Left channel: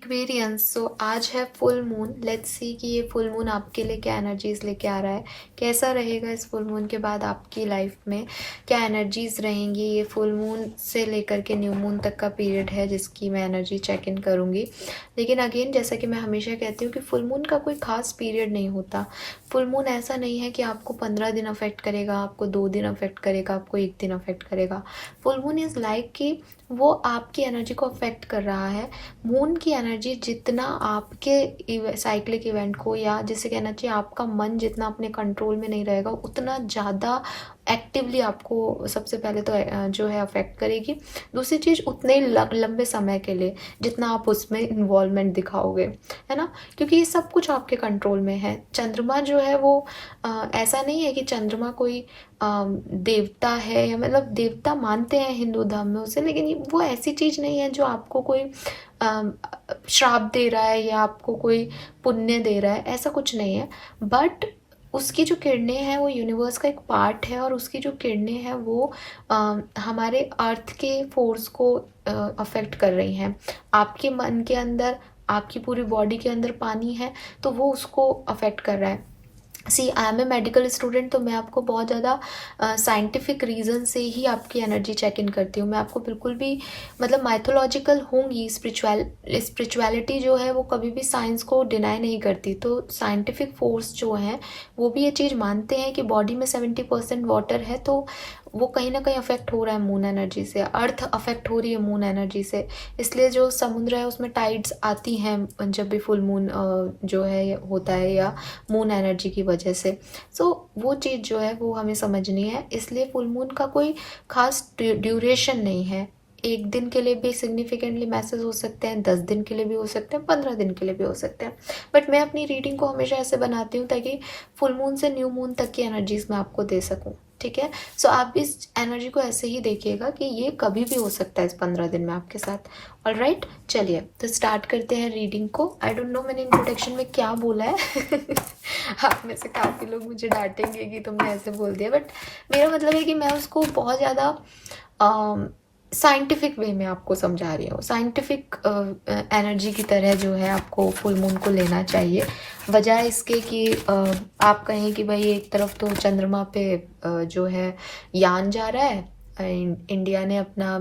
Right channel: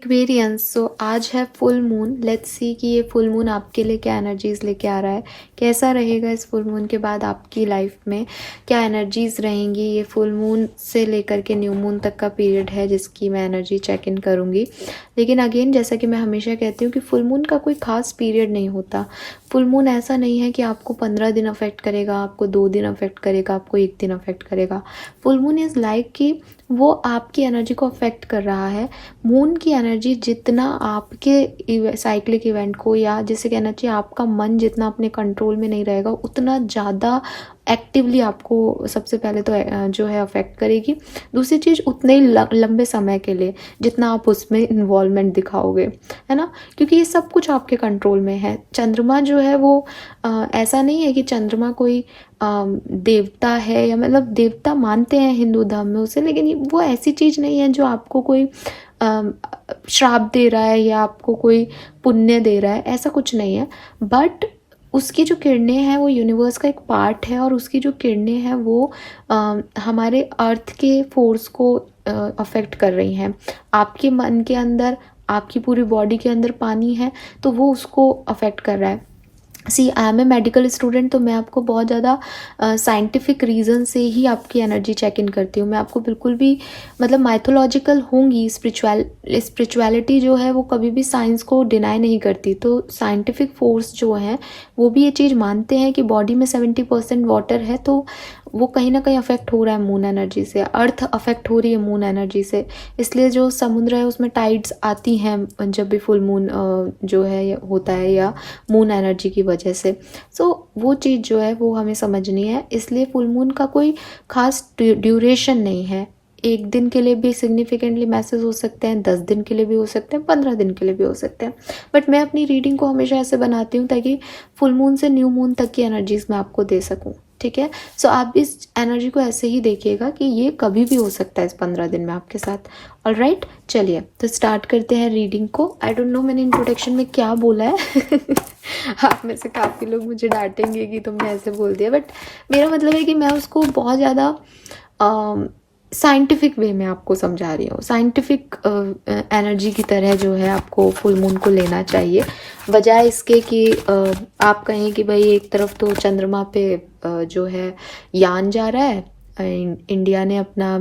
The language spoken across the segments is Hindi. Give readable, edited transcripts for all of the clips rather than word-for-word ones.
एक्वेरियंस। सो आज है फुल मून। लेट्स सी कि ये फुल मून आपके लिए क्या एनर्जीज लेके आ रहा है, कैसा रहेगा इस फुल मून के बाद आपकी लाइफ में, क्या एनर्जीज रहेंगी। ये फुल मून से लेकर के न्यू मून तक का पीरियड है जिसकी मैं एनर्जी चेक इन करूँगी। लेकिन अगेन, जैसा कि मैं हमेशा कहती हूँ कि फुल मून का कोई खास पीरियड नहीं होता। फुल मून ऐसा नहीं है कि आपको 15 दिन अफेक्ट करेगा, आपको 2 दिन अफेक्ट करेगा, आपको 1 दिन अफेक्ट करेगा। फुल मून इज़ लाइक कि वो आपकी एनर्जी को अफेक्ट कर रहा है। मून की एनर्जी जितना आपके साइक्लिक इवेंट को, या जिसे कहना चाहिए आपका मन जितना अपने कंट्रोल में नहीं रहेगा, उतना ज़्यादा एक्टिवली आपको सबसे पहले तो जो है अफेक्ट करेगी। दूसरी चीज़, उतने ही लंबे समय के लिए जितना आप उसमें इन्वॉल्वमेंट दिखाओगे, है ना, क्योंकि ये सब कुछ आपके कंट्रोल में है। चंद्रमा जो है वो ऐसा नहीं है कि चंद्रमा कोई देवता है, या मतलब देवता मानते हैं हिंदू धर्म में उसे, लेकिन वो ऐसी चीज़ नहीं है जो आपको कोई श्राप दे रहा है या आपको कोई पुण्य दे रहा है, ऐसा कुछ नहीं है। बट उसकी जो किरणें हैं वो यूनिवर्स का एक पार्ट है, और उसकी जो किरणें हैं वो हमारे अर्थ के फोर्स को अफेक्ट कर रही हैं। आपके मन के अंदर, आपकी पूरी बॉडी के अंदर पानी है, तो वो उसको अफेक्ट कर रहा है। See, I am a medical student, तो मैं आपको बहुत ज़्यादा साइंटिफिक रीज़न से ही आपकी एनर्जी चेक इन करती हूँ। मैं आपको बिल्कुल भी मतलब माइथोलॉजिकल होंगी। स्पिरिचुअलिटी जो है वो कभी भी साइंस को डिनाई नहीं करती। तो साइंटिफिक फोर्स जो है वो भी ये चीज़ मानते हैं कि बॉडी में 70% वाटर है, तो वो कहीं ना कहीं अफेक्ट हो रहा है मून एनर्जी से। अर्थ अफेक्ट हो रही है मून एनर्जी से। इसलिए जो समुद्र है उसमें टाइड्स आती हैं जब भी फुल मून जो है होता है, या मून एनर्जी की वजह से। सो वो चीज़ जो है वो हमें समझनी है। इसलिए फुल मून का कोई खास ड्यूरेशन नहीं है। 1 दिन के लिए भी सिग्निफिकेंटली मैसेज हो सकते हैं, 10 दिन के लिए भी हो सकते हैं, 15 दिन के लिए भी हो सकते हैं। बट मैं अपनी रीडिंग को हमेशा ऐसे बनाती हूँ ताकि फुल मून से न्यू मून तक की एनर्जीज मैं आपको दे सकूँ। ठीक है। सो आप इस एनर्जी को ऐसे ही देखिएगा कि ये कभी भी हो सकता है इस 15 दिन में आपके साथ। ऑल राइट, चलिए तो स्टार्ट करते हैं रीडिंग को। आई डोंट नो मैंने इंट्रोडक्शन में क्या बोला है। आप में से काफ़ी लोग मुझे डांटेंगे कि तुमने ऐसे बोल दिया, बट मेरा मतलब है कि मैं उसको बहुत ज़्यादा साइंटिफिक वे में आपको समझा रही हूँ। साइंटिफिक एनर्जी की तरह जो है आपको फुल मून को लेना चाहिए, बजाय इसके कि आप कहें कि भाई एक तरफ तो चंद्रमा पे जो है यान जा रहा है, इंडिया ने अपना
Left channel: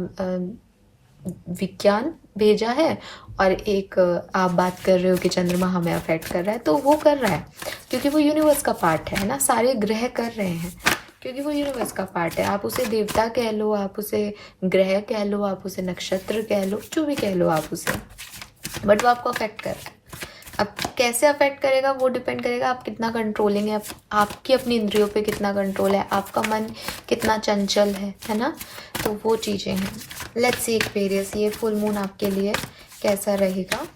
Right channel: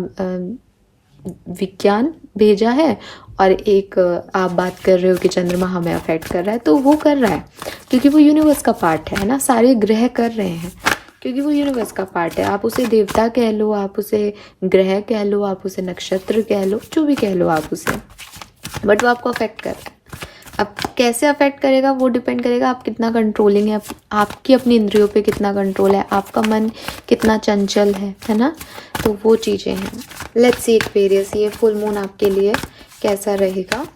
विज्ञान भेजा है, और एक आप बात कर रहे हो कि चंद्रमा हमें अफेक्ट कर रहा है। तो वो कर रहा है क्योंकि वो यूनिवर्स का पार्ट है ना, सारे ग्रह कर रहे हैं क्योंकि वो यूनिवर्स का पार्ट है। आप उसे देवता कह लो, आप उसे ग्रह कह लो, आप उसे नक्षत्र कह लो, जो भी कह लो आप उसे, बट वो आपको अफेक्ट कर रहा है। अब कैसे अफेक्ट करेगा वो डिपेंड करेगा आप कितना कंट्रोलिंग है, आपकी अपनी इंद्रियों पे कितना कंट्रोल है, आपका मन कितना चंचल है ना। तो वो चीज़ें हैं। लेट्स सी एक्वेरियस, ये फुल मून आपके लिए कैसा रहेगा।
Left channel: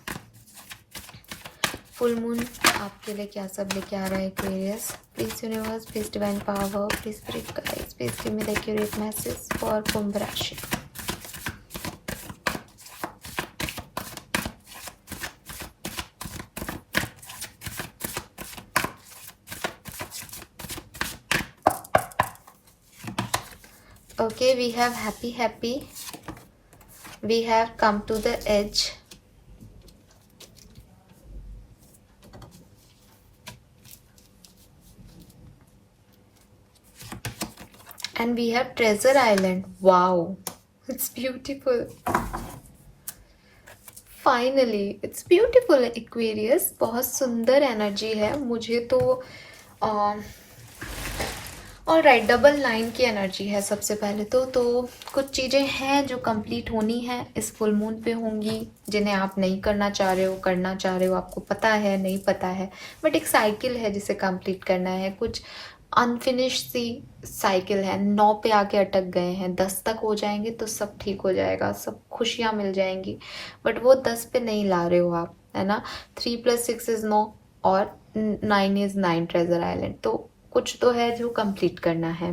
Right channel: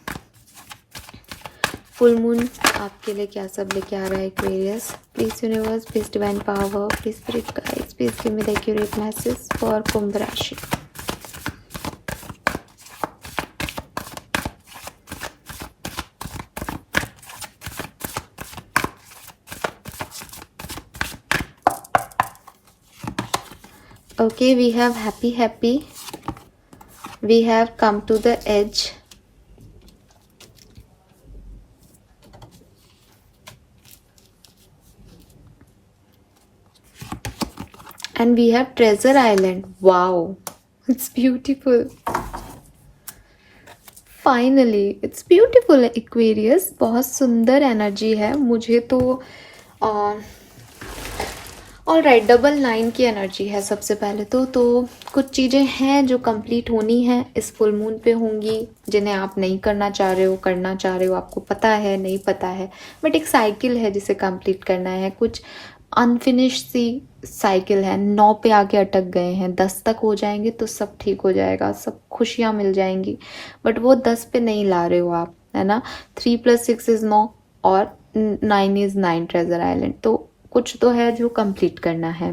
फुल मून आपके लिए क्या सब लेके आ रहा है Aquarius. Please universe, please divine power, please spirit guides, please give me the accurate message for Kumbh rashi. Okay, we have happy. We have come to the edge. And we have treasure island. Wow, it's beautiful. Finally, it's beautiful Aquarius. बहुत सुंदर एनर्जी है मुझे तो। ऑल राइट, डबल 9 की एनर्जी है सबसे पहले तो कुछ चीज़ें हैं जो कंप्लीट होनी है इस फुल मून पे होंगी, जिन्हें आप नहीं करना चाह रहे हो, करना चाह रहे हो, आपको पता है नहीं पता है, बट एक साइकिल है जिसे कंप्लीट करना है। कुछ अनफिनिश सी साइकिल है, 9 पे आके अटक गए हैं, 10 तक हो जाएंगे तो सब ठीक हो जाएगा, सब खुशियाँ मिल जाएंगी, बट वो 10 पे नहीं ला रहे हो आप, है ना। 3+6 इज 9 और 9 इज 9 ट्रेजर आइलैंड। तो कुछ तो है जो कंप्लीट करना है।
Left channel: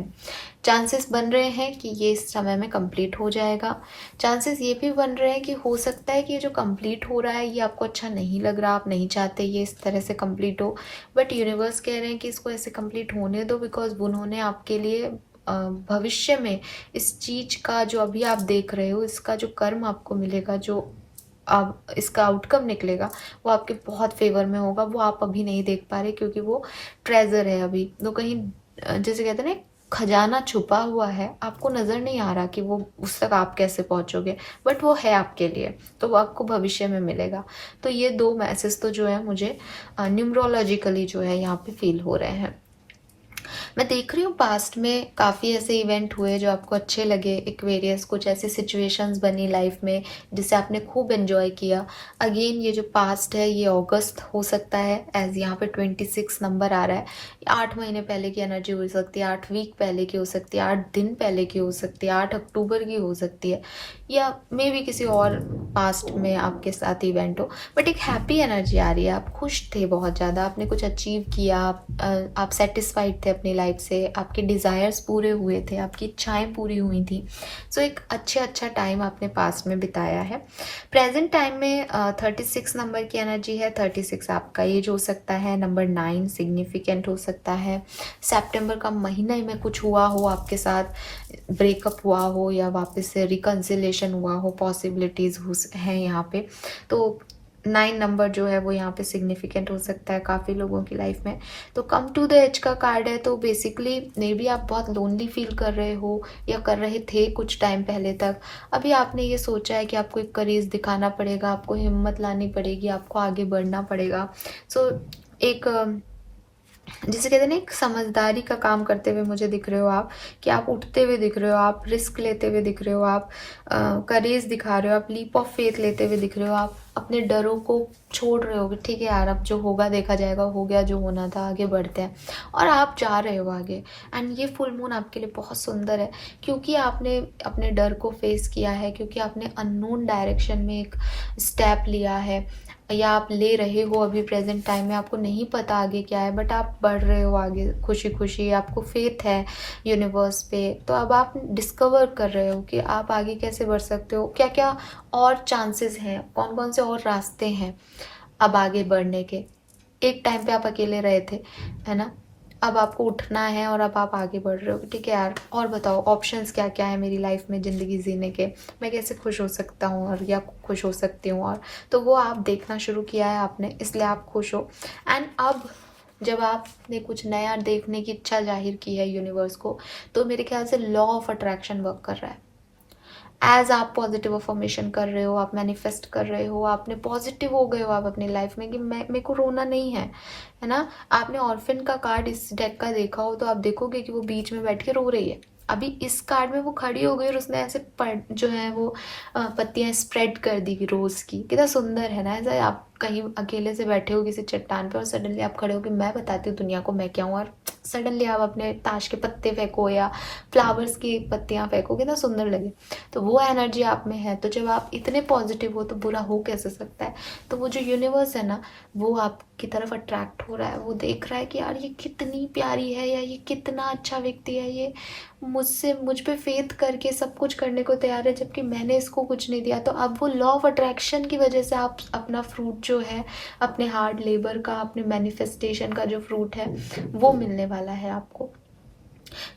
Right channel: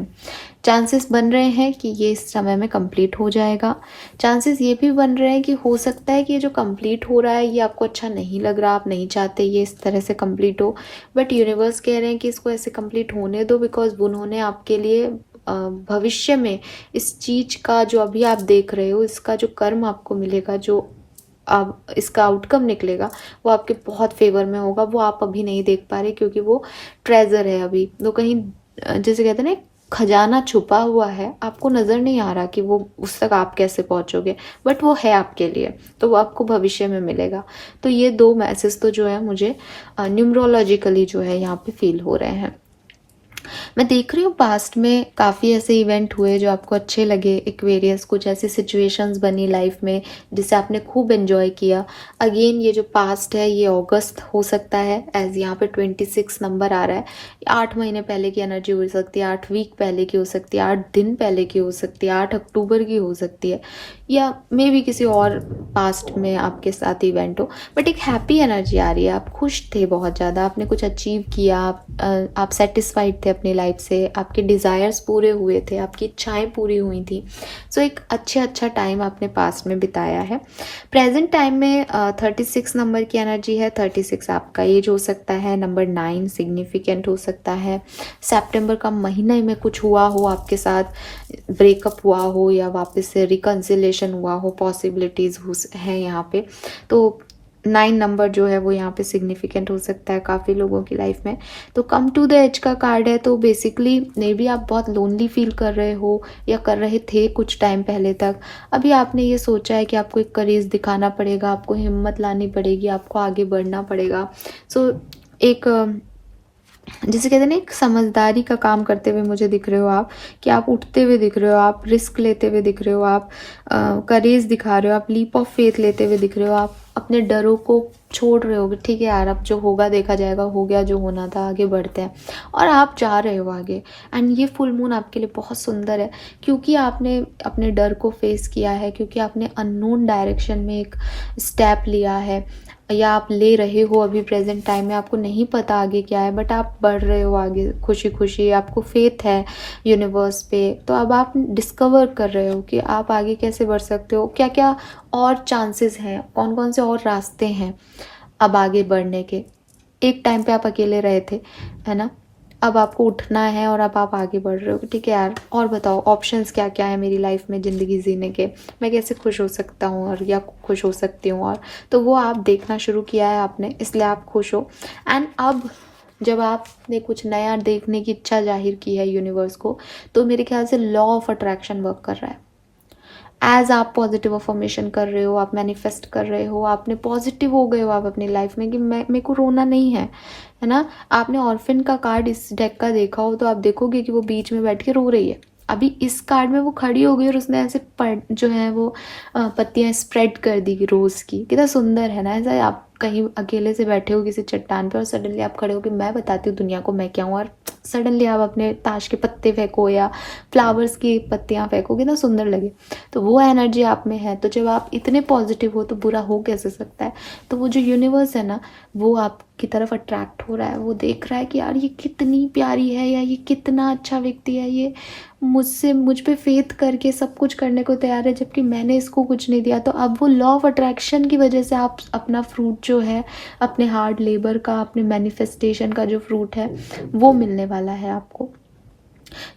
चांसेस बन रहे हैं कि ये इस समय में कंप्लीट हो जाएगा। चांसेस ये भी बन रहे हैं कि हो सकता है कि ये जो कंप्लीट हो रहा है ये आपको अच्छा नहीं लग रहा, आप नहीं चाहते ये इस तरह से कंप्लीट हो, बट यूनिवर्स कह रहे हैं कि इसको ऐसे कंप्लीट होने दो, बिकॉज उन्होंने आपके लिए भविष्य में इस चीज का जो अभी आप देख रहे हो, इसका जो कर्म आपको मिलेगा, जो अब इसका आउटकम निकलेगा वो आपके बहुत फेवर में होगा। वो आप अभी नहीं देख पा रहे क्योंकि वो ट्रेजर है अभी, तो कहीं जैसे कहते हैं ना खजाना छुपा हुआ है, आपको नज़र नहीं आ रहा कि वो उस तक आप कैसे पहुंचोगे, बट वो है आपके लिए, तो वो आपको भविष्य में मिलेगा। तो ये 2 मैसेज तो जो है मुझे न्यूमरोलॉजिकली जो है यहाँ पे फील हो रहे हैं। मैं देख रही हूँ पास्ट में काफ़ी ऐसे इवेंट हुए जो आपको अच्छे लगे एक्वेरियस, कुछ ऐसी सिचुएशंस बनी लाइफ में जिसे आपने खूब एंजॉय किया। अगेन ये जो पास्ट है ये अगस्त हो सकता है, एज यहाँ पे 26 नंबर आ रहा है। 8 महीने पहले की एनर्जी हो सकती है, 8 वीक पहले की हो सकती है, 8 दिन पहले की हो सकती है, 8 अक्टूबर की हो सकती है, या मे भी किसी और पास्ट में आपके साथ इवेंट हो। बट एक हैप्पी एनर्जी आ रही है, आप खुश थे बहुत ज़्यादा, आपने कुछ अचीव किया, आप सेटिस्फाइड थे अपनी लाइफ से, आपके डिज़ायर्स पूरे हुए थे, आपकी इच्छाएं पूरी हुई थी। सो एक अच्छा टाइम आपने पास्ट में बिताया है। प्रेजेंट टाइम में 36 नंबर की एनर्जी है। 36 आपका एज हो सकता है, नंबर 9 सिग्निफिकेंट हो सकता है। सितंबर का महीने में कुछ हुआ हो आपके साथ, ब्रेकअप हुआ हो या वापस से रिकन्सिलेशन हुआ हो, पॉसिबिलिटीज़ हैं यहाँ पे। तो 9 नंबर जो है वो यहाँ पे सिग्निफिकेंट हो सकता है काफ़ी लोगों की लाइफ में। तो कम टू द एज का कार्ड है, तो बेसिकली मे बी आप बहुत लोनली फील कर रहे हो या कर रहे थे कुछ टाइम पहले तक। अभी आपने ये सोचा है कि आपको एक करेज दिखाना पड़ेगा, आपको हिम्मत लानी पड़ेगी, आपको आगे बढ़ना पड़ेगा। सो एक जैसे कहते हैं ना एक समझदारी का काम करते हुए मुझे दिख रहे हो आप, कि आप उठते हुए दिख रहे हो, आप रिस्क लेते हुए दिख रहे हो, आप करेज दिखा रहे हो, आप लीप ऑफ फेथ लेते हुए दिख रहे हो, आप अपने डरों को छोड़ रहे हो। ठीक है यार, अब जो होगा देखा जाएगा, हो गया जो होना था, आगे बढ़ते हैं, और आप जा रहे हो आगे। एंड ये फुल मून आपके लिए बहुत सुंदर है क्योंकि आपने अपने डर को फेस किया है, क्योंकि आपने अननोन डायरेक्शन में एक स्टेप लिया है, या आप ले रहे हो अभी प्रेजेंट टाइम में, आपको नहीं पता आगे क्या है, बट आप बढ़ रहे हो आगे खुशी खुशी, आपको फेथ है यूनिवर्स पे। तो अब आप डिस्कवर कर रहे हो कि आप आगे कैसे बढ़ सकते हो, क्या क्या और चांसेस हैं, कौन कौन से और रास्ते हैं अब आगे बढ़ने के। एक टाइम पे आप अकेले रहे थे, है ना, अब आपको उठना है और अब आप आगे बढ़ रहे हो। ठीक है यार, और बताओ ऑप्शंस क्या क्या है मेरी लाइफ में ज़िंदगी जीने के, मैं कैसे खुश हो सकता हूँ और या खुश हो सकती हूँ, और तो वो आप देखना शुरू किया है आपने, इसलिए आप खुश हो। एंड अब जब आपने कुछ नया देखने की इच्छा जाहिर की है यूनिवर्स को, तो मेरे ख्याल से लॉ ऑफ अट्रैक्शन वर्क कर रहा है। एज आप पॉजिटिव अफर्मेशन कर रहे हो, आप मैनिफेस्ट कर रहे हो, आपने पॉजिटिव हो गए हो आप अपनी लाइफ में कि मैं, मेरे को रोना नहीं है ना। आपने ऑर्फिन का कार्ड इस डेक का देखा हो तो आप देखोगे कि वो बीच में बैठ के रो रही है। अभी इस कार्ड में वो खड़ी हो गई और उसने ऐसे जो है वो पत्तियां स्प्रेड कर दी रोज की, कितना सुंदर है ना। ऐसा आप कहीं अकेले से बैठे हो किसी चट्टान पर और सडनली आप खड़े हो कि मैं बताती हूँ दुनिया को मैं क्या हूँ, और सडनली आप अपने ताश के पत्ते फेंको या फ्लावर्स की पत्तियां फेंको, कितना सुंदर लगे। तो वो एनर्जी आप में है, तो जब आप इतने पॉजिटिव हो तो बुरा हो कैसे सकता है। तो वो जो यूनिवर्स है ना, वो आपकी तरफ अट्रैक्ट हो रहा है, वो देख रहा है कि यार ये कितनी प्यारी है, या ये कितना अच्छा व्यक्ति है, ये मुझ पे फेथ करके सब कुछ करने को तैयार है, जबकि मैंने इसको कुछ नहीं दिया। तो अब वो लॉ ऑफ अट्रैक्शन की वजह से आप अपना फ्रूट जो है, अपने हार्ड लेबर का, अपने मैनिफेस्टेशन का जो फ्रूट है वो मिलने वाला है आपको।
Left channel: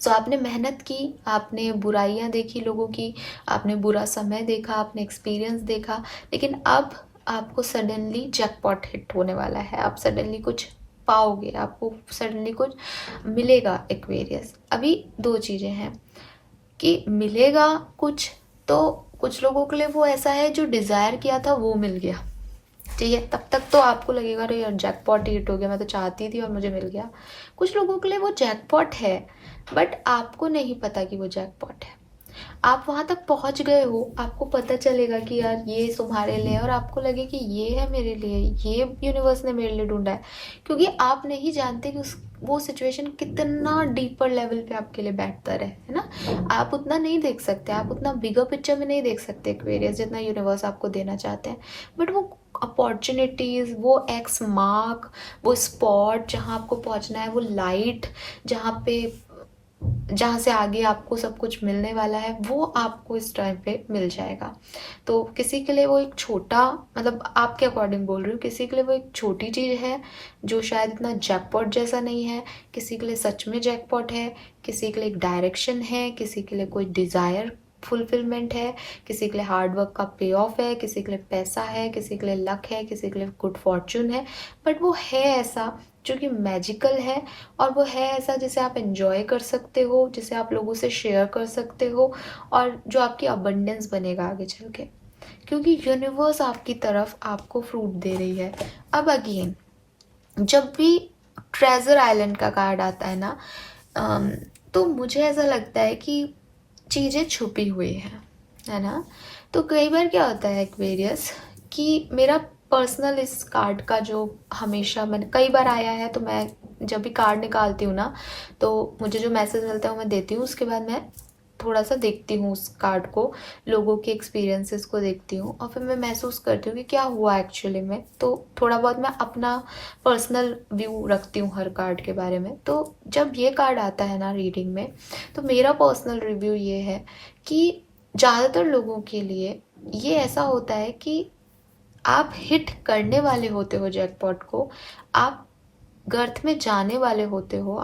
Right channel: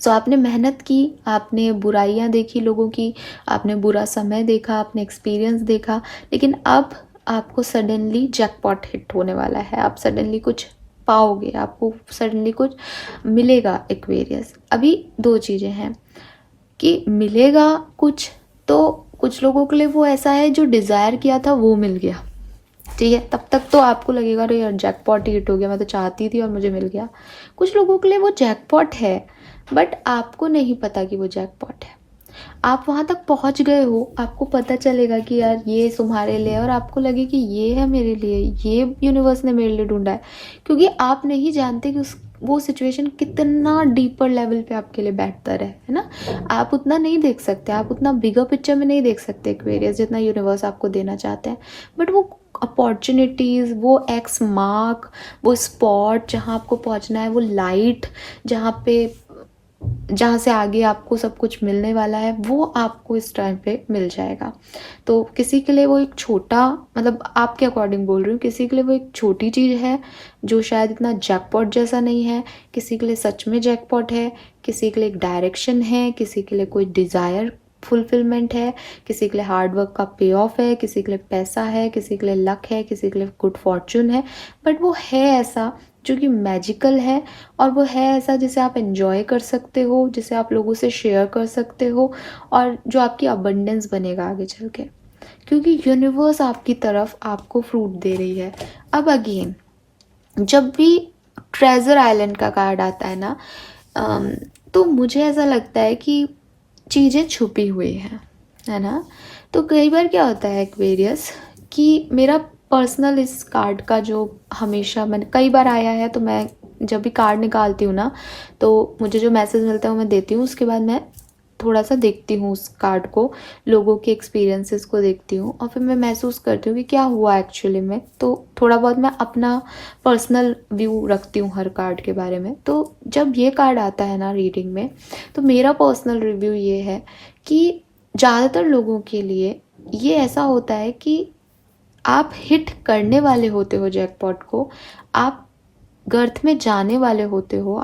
सो आपने मेहनत की, आपने बुराइयां देखी लोगों की, आपने बुरा समय देखा, आपने एक्सपीरियंस देखा, लेकिन अब आपको सडनली जैकपॉट हिट होने वाला है। आप सडनली कुछ पाओगे, आपको सडनली कुछ मिलेगा एक्वेरियस। अभी 2 चीज़ें हैं कि मिलेगा कुछ, तो कुछ लोगों के लिए वो ऐसा है जो डिज़ायर किया था वो मिल गया। ठीक है, तब तक तो आपको लगेगा अरे यार जैकपॉट हिट हो गया, मैं तो चाहती थी और मुझे मिल गया। कुछ लोगों के लिए वो जैकपॉट है, बट आपको नहीं पता कि वो जैकपॉट है। आप वहां तक पहुंच गए हो, आपको पता चलेगा कि यार ये तुम्हारे लिए, और आपको लगे कि ये है मेरे लिए, ये यूनिवर्स ने मेरे लिए ढूंढा है। क्योंकि आप नहीं जानते कि वो सिचुएशन कितना डीपर लेवल पे आपके लिए बेहतर है ना। आप उतना नहीं देख सकते, आप उतना बिगर पिक्चर में नहीं देख सकते एक्वेरियस, जितना यूनिवर्स आपको देना चाहते हैं। बट वो अपॉर्चुनिटीज, वो एक्स मार्क, वो स्पॉट जहाँ आपको पहुँचना है, वो लाइट जहाँ से आगे आपको सब कुछ मिलने वाला है, वो आपको इस टाइम पे मिल जाएगा। तो किसी के लिए वो एक छोटा, मतलब आपके अकॉर्डिंग बोल रही हूँ, किसी के लिए वो एक छोटी चीज़ है जो शायद इतना जैकपॉट जैसा नहीं है, किसी के लिए सच में जैकपॉट है, किसी के लिए एक डायरेक्शन है, किसी के लिए कोई डिज़ायर फुलफिलमेंट है, किसी के लिए हार्ड वर्क का पे ऑफ है, किसी के लिए पैसा है, किसी के लिए लक है, किसी के लिए गुड फॉर्चून है, बट वो है ऐसा जो कि मैजिकल है, और वो है ऐसा जिसे आप एंजॉय कर सकते हो, जिसे आप लोगों से शेयर कर सकते हो, और जो आपकी अबंडेंस बनेगा आगे चल के, क्योंकि यूनिवर्स आपकी तरफ आपको फ्रूट दे रही है। अब अगेन जब भी ट्रेजर आइलैंड का कार्ड आता है ना, तो मुझे ऐसा लगता है कि चीज़ें छुपी हुई हैं, है ना। तो कई बार क्या होता है एक्वेरियस कि मेरा पर्सनल इस कार्ड का जो हमेशा मैंने कई बार आया है, तो मैं जब भी कार्ड निकालती हूँ ना, तो मुझे जो मैसेज मिलता है वो मैं देती हूँ, उसके बाद मैं थोड़ा सा देखती हूँ उस कार्ड को, लोगों के एक्सपीरियंसेस को देखती हूँ, और फिर मैं महसूस करती हूँ कि क्या हुआ एक्चुअली में। तो थोड़ा बहुत मैं अपना पर्सनल व्यू रखती हूँ हर कार्ड के बारे में। तो जब ये कार्ड आता है ना रीडिंग में, तो मेरा पर्सनल रिव्यू ये है कि ज़्यादातर लोगों के लिए ये ऐसा होता है कि आप हिट करने वाले होते हो जैकपॉट को, आप गर्थ में जाने वाले होते हो,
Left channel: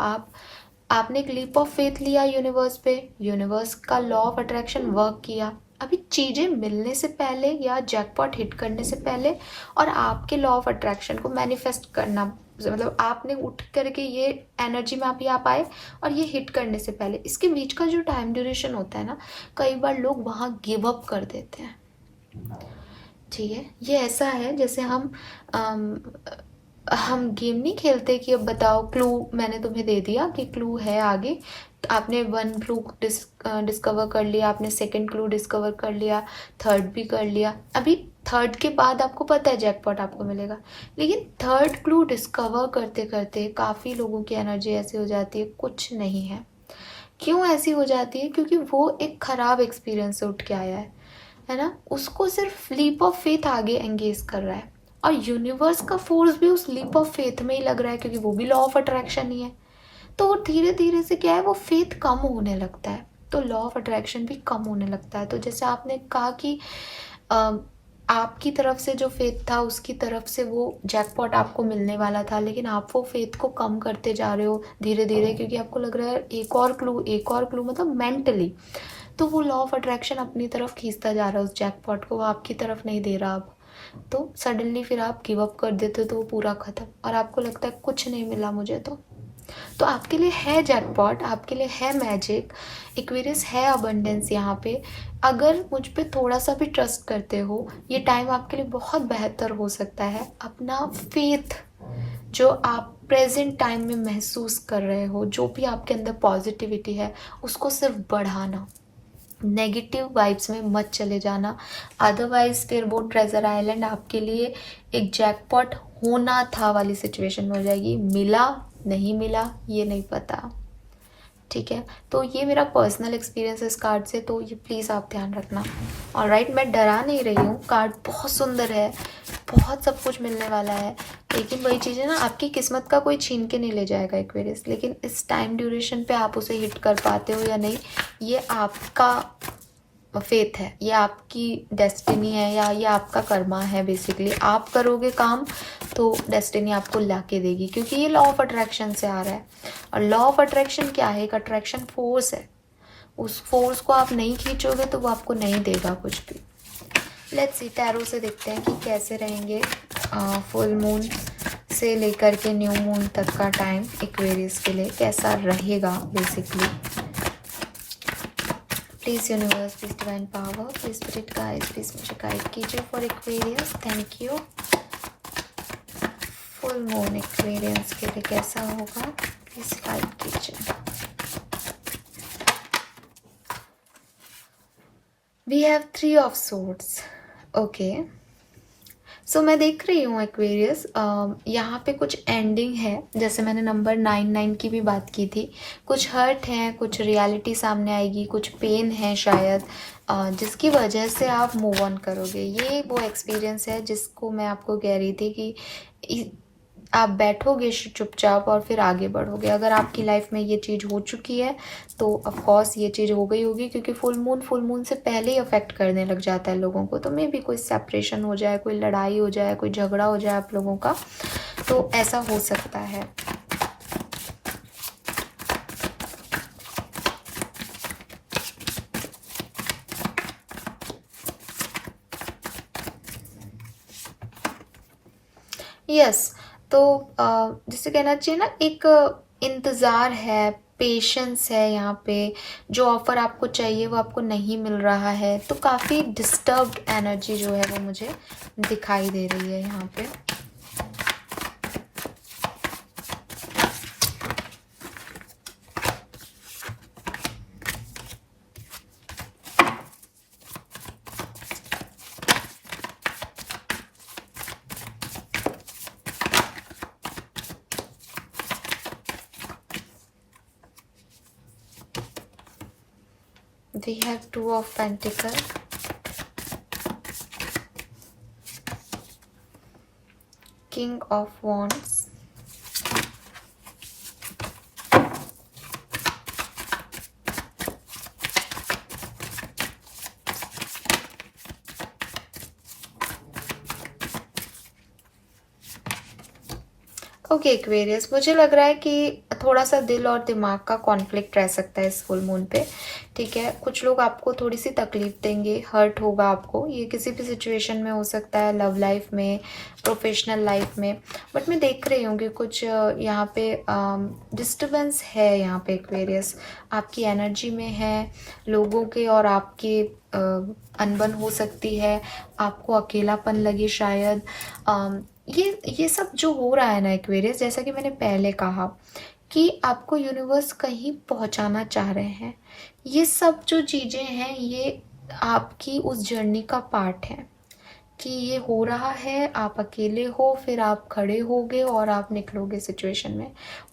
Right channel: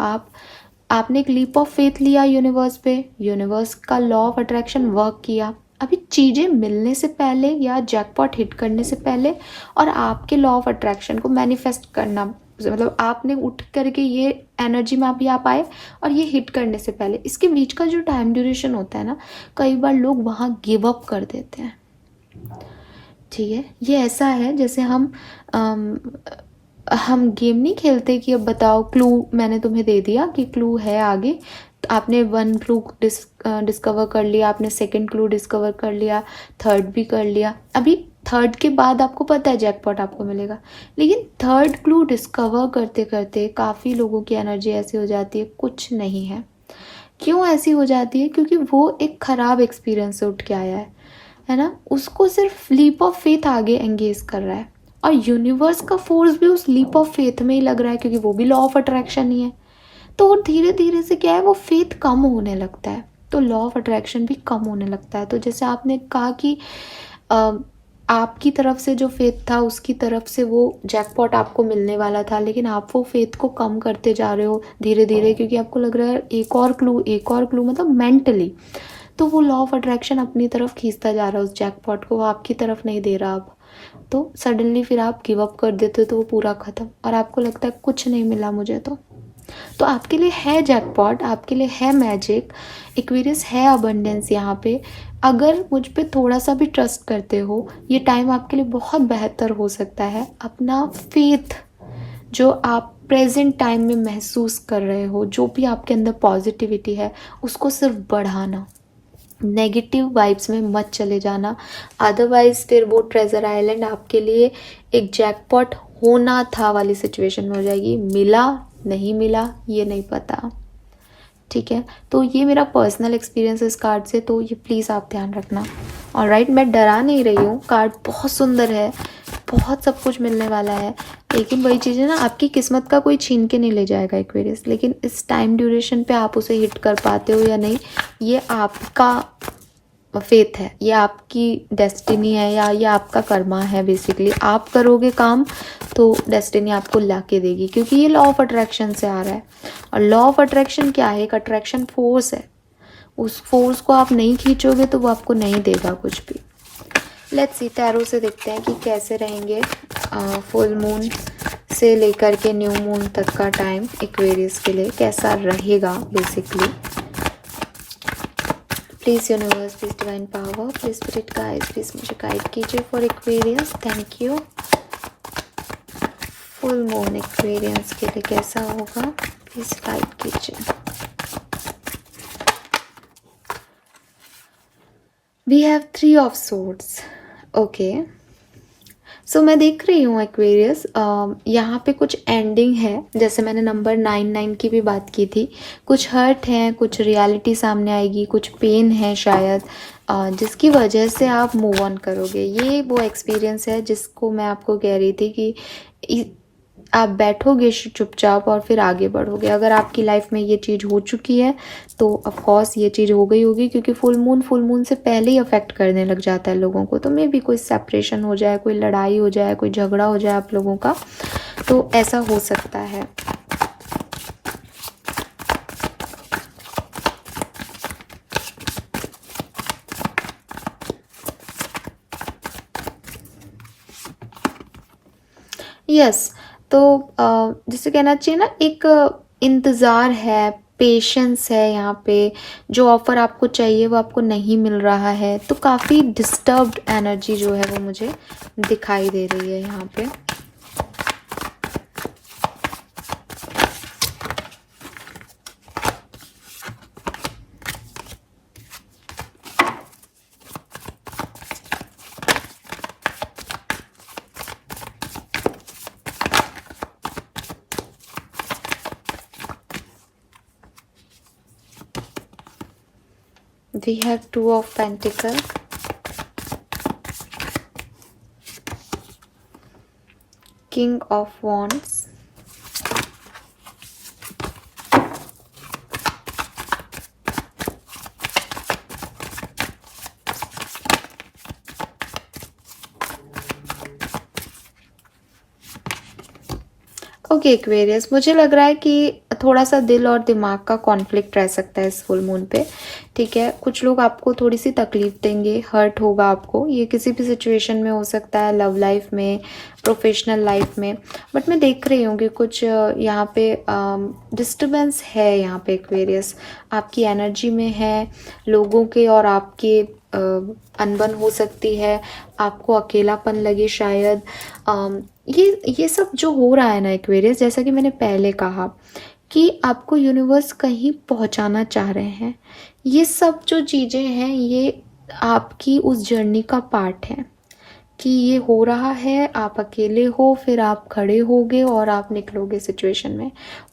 आपने एक लीप ऑफ फेथ लिया यूनिवर्स पे, यूनिवर्स का लॉ ऑफ अट्रैक्शन वर्क किया अभी चीज़ें मिलने से पहले या जैकपॉट हिट करने से पहले, और आपके लॉ ऑफ अट्रैक्शन को मैनिफेस्ट करना, मतलब आपने उठ करके ये एनर्जी में अभी आप आए और ये हिट करने से पहले, इसके बीच का जो टाइम ड्यूरेशन होता है ना, कई बार लोग वहाँ गिव अप कर देते हैं। ठीक है, ये ऐसा है जैसे हम गेम नहीं खेलते कि अब बताओ, क्लू मैंने तुम्हें दे दिया कि क्लू है आगे, तो आपने वन क्लू डिस्कवर कर लिया, आपने सेकंड क्लू डिस्कवर कर लिया, थर्ड भी कर लिया, अभी थर्ड के बाद आपको पता है जैकपॉट आपको मिलेगा, लेकिन थर्ड क्लू डिस्कवर करते करते काफ़ी लोगों की एनर्जी ऐसी हो जाती है कुछ नहीं है। क्यों ऐसी हो जाती है? क्योंकि वो एक खराब एक्सपीरियंस से उठ के आया है ना, उसको सिर्फ लीप ऑफ फेथ आगे एंगेज कर रहा है, और यूनिवर्स का फोर्स भी उस लीप ऑफ फेथ में ही लग रहा है, क्योंकि वो भी लॉ ऑफ अट्रैक्शन ही है। तो धीरे धीरे से क्या है, वो फेथ कम होने लगता है, तो लॉ ऑफ अट्रैक्शन भी कम होने लगता है। तो जैसे आपने कहा कि आपकी तरफ से जो फेथ था, उसकी तरफ से वो जैकपॉट आपको मिलने वाला था, लेकिन आप वो फेथ को कम करते जा रहे हो धीरे धीरे, क्योंकि आपको लग रहा है एक और क्लू, मतलब मेंटली, तो वो लॉ ऑफ अट्रैक्शन अपनी तरफ खींचता जा रहा है उस जैकपॉट को, वो आपकी तरफ नहीं दे रहा अब। तो सडनली फिर आप गिव अप कर देते हो, तो वो पूरा ख़त्म, और आपको लगता है कुछ नहीं मिला मुझे। तो आपके लिए है जैकपॉट, आपके लिए है मैजिक, एक्वेरियस है अबंडेंस यहाँ पे। अगर मुझ पे थोड़ा सा भी ट्रस्ट करते हो, ये टाइम आपके लिए बहुत बेहतर हो सकता है। अपना फेथ जो आप प्रेजेंट टाइम में महसूस कर रहे हो, जो भी आपके अंदर पॉजिटिविटी है, उसको सिर्फ बढ़ाना, नेगेटिव वाइब्स में मत चले जाना, अदरवाइज फिर वो ट्रेजर आइलैंड आपके लिए एक जैकपॉट होना था वाली सिचुएशन में हो जाएगी। मिला नहीं मिला ये नहीं पता, ठीक है। तो ये मेरा पर्सनल एक्सपीरियंस इस कार्ड से, तो ये प्लीज़ आप ध्यान रखना। ऑलराइट, मैं डरा नहीं रही हूँ, कार्ड बहुत सुंदर है, बहुत सब कुछ मिलने वाला है, लेकिन वही चीज़ है ना, आपकी किस्मत का कोई छीन के नहीं ले जाएगा एक्वेरियस, लेकिन इस टाइम ड्यूरेशन पे आप उसे हिट कर पाते हो या नहीं, ये आपका फेथ है, ये आपकी डेस्टिनी है, या ये आपका कर्मा है। बेसिकली आप करोगे काम तो डेस्टिनी आपको ला के देगी, क्योंकि ये लॉ ऑफ अट्रैक्शन से आ रहा है, और लॉ ऑफ अट्रैक्शन क्या है? एक अट्रैक्शन फोर्स है, उस फोर्स को आप नहीं खींचोगे तो वो आपको नहीं देगा कुछ भी। लेट्स सी, टैरो से देखते हैं कि कैसे रहेंगे फुल मून से लेकर के न्यू मून तक का टाइम एक्वेरियस के लिए कैसा रहेगा basically. Please universe, please divine power, please spirit guide, please मुझे गाइड कीजिए for Aquarius, thank you. Full moon Aquarius के लिए कैसा होगा, प्लीज गाइड कीजिए। We have 3 of swords, okay. So मैं देख रही हूँ एक्वेरियस, यहाँ पे कुछ एंडिंग है, जैसे मैंने नंबर 99 की भी बात की थी, कुछ हर्ट है, कुछ रियलिटी सामने आएगी, कुछ पेन है शायद, जिसकी वजह से आप मूव ऑन करोगे। ये वो एक्सपीरियंस है जिसको मैं आपको कह रही थी कि आप बैठोगे चुपचाप और फिर आगे बढ़ोगे। अगर आपकी लाइफ में ये चीज़ हो चुकी है तो ऑफ कोर्स ये चीज़ हो गई होगी, क्योंकि फुल मून से पहले ही अफेक्ट करने लग जाता है लोगों को। तो मे भी कोई सेपरेशन हो जाए, कोई लड़ाई हो जाए, कोई झगड़ा हो जाए आप लोगों का, तो ऐसा हो सकता है। यस। तो जैसे कहना चाहिए ना, एक इंतज़ार है, पेशेंस है यहाँ पे। जो ऑफ़र आपको चाहिए वो आपको नहीं मिल रहा है, तो काफ़ी डिस्टर्ब्ड एनर्जी जो है वो मुझे दिखाई दे रही है यहाँ पे। We have Two of Pentacles, King of Wands, okay Aquarius, मुझे लग रहा है कि थोड़ा सा दिल और दिमाग का कॉन्फ्लिक्ट रह सकता है इस फुल मून पे। ठीक है, कुछ लोग आपको थोड़ी सी तकलीफ देंगे, हर्ट होगा आपको। ये किसी भी सिचुएशन में हो सकता है, लव लाइफ में, प्रोफेशनल लाइफ में। बट मैं देख रही हूँ कि कुछ यहाँ पे डिस्टर्बेंस है यहाँ पे एक्वेरियस, आपकी एनर्जी में है। लोगों के और आपके अनबन हो सकती है, आपको अकेलापन लगे शायद। ये सब जो हो रहा है ना एक्वेरियस, जैसा कि मैंने पहले कहा कि आपको यूनिवर्स कहीं पहुंचाना चाह रहे हैं। ये सब जो चीज़ें हैं ये आपकी उस जर्नी का पार्ट है कि ये हो रहा है, आप अकेले हो, फिर आप खड़े होगे और आप निकलोगे सिचुएशन में।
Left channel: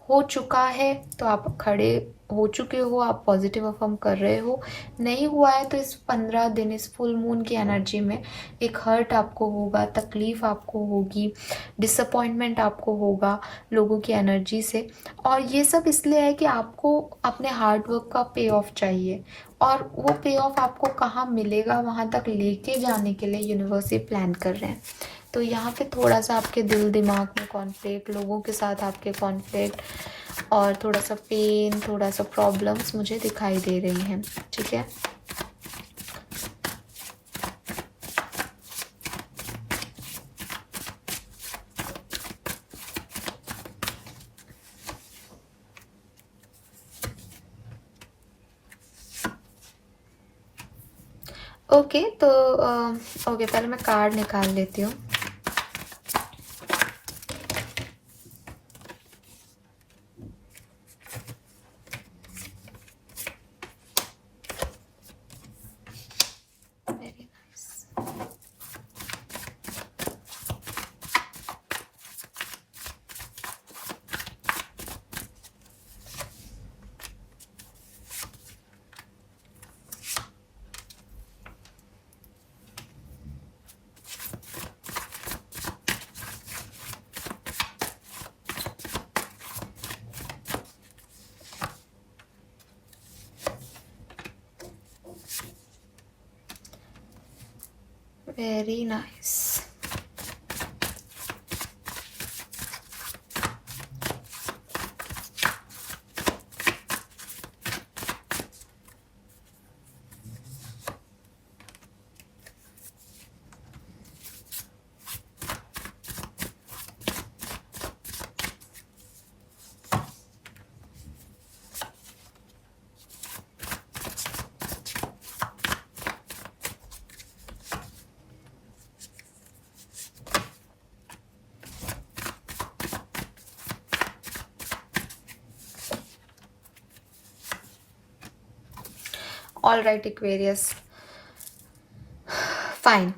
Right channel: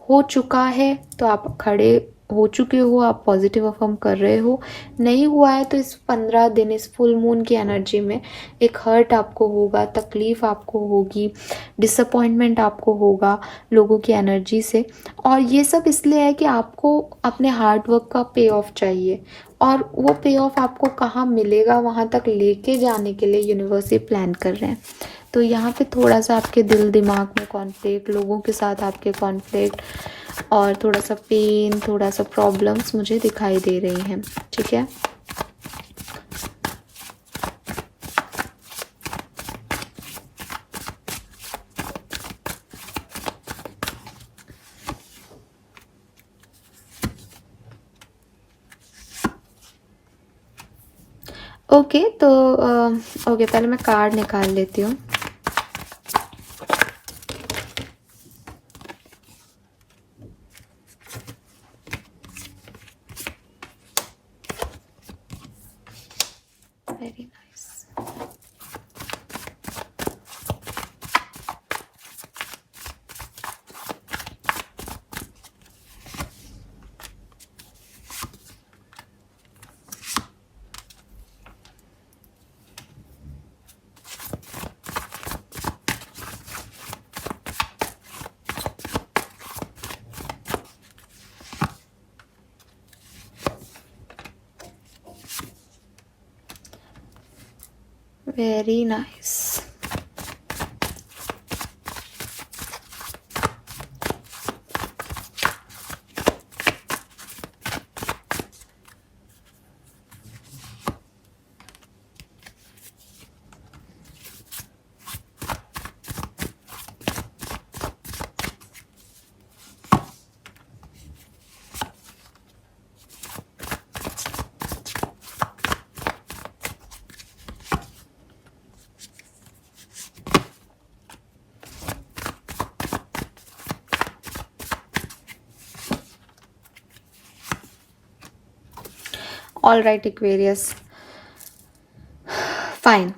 हो चुका है तो आप खड़े हो चुके हो, आप पॉजिटिव अफर्म कर रहे हो। नहीं हुआ है तो इस 15 दिन, इस फुल मून की एनर्जी में एक हर्ट आपको होगा, तकलीफ आपको होगी, डिसअपॉइंटमेंट आपको होगा लोगों की एनर्जी से। और ये सब इसलिए है कि आपको अपने हार्ड वर्क का पे ऑफ चाहिए, और वो पे ऑफ आपको कहाँ मिलेगा, वहाँ तक लेके जाने के लिए यूनिवर्स ये प्लान कर रहे हैं। तो यहाँ पे थोड़ा सा आपके दिल दिमाग में कॉन्फ्लिक्ट, लोगों के साथ आपके कॉन्फ्लिक्ट, और थोड़ा सा पेन, थोड़ा सा प्रॉब्लम्स मुझे दिखाई दे रही हैं। ठीक है, ओके। तो ओके, पहले मैं कार्ड निकाल लेती हूँ। Very nice. Very nice. All right Aquarius, fine.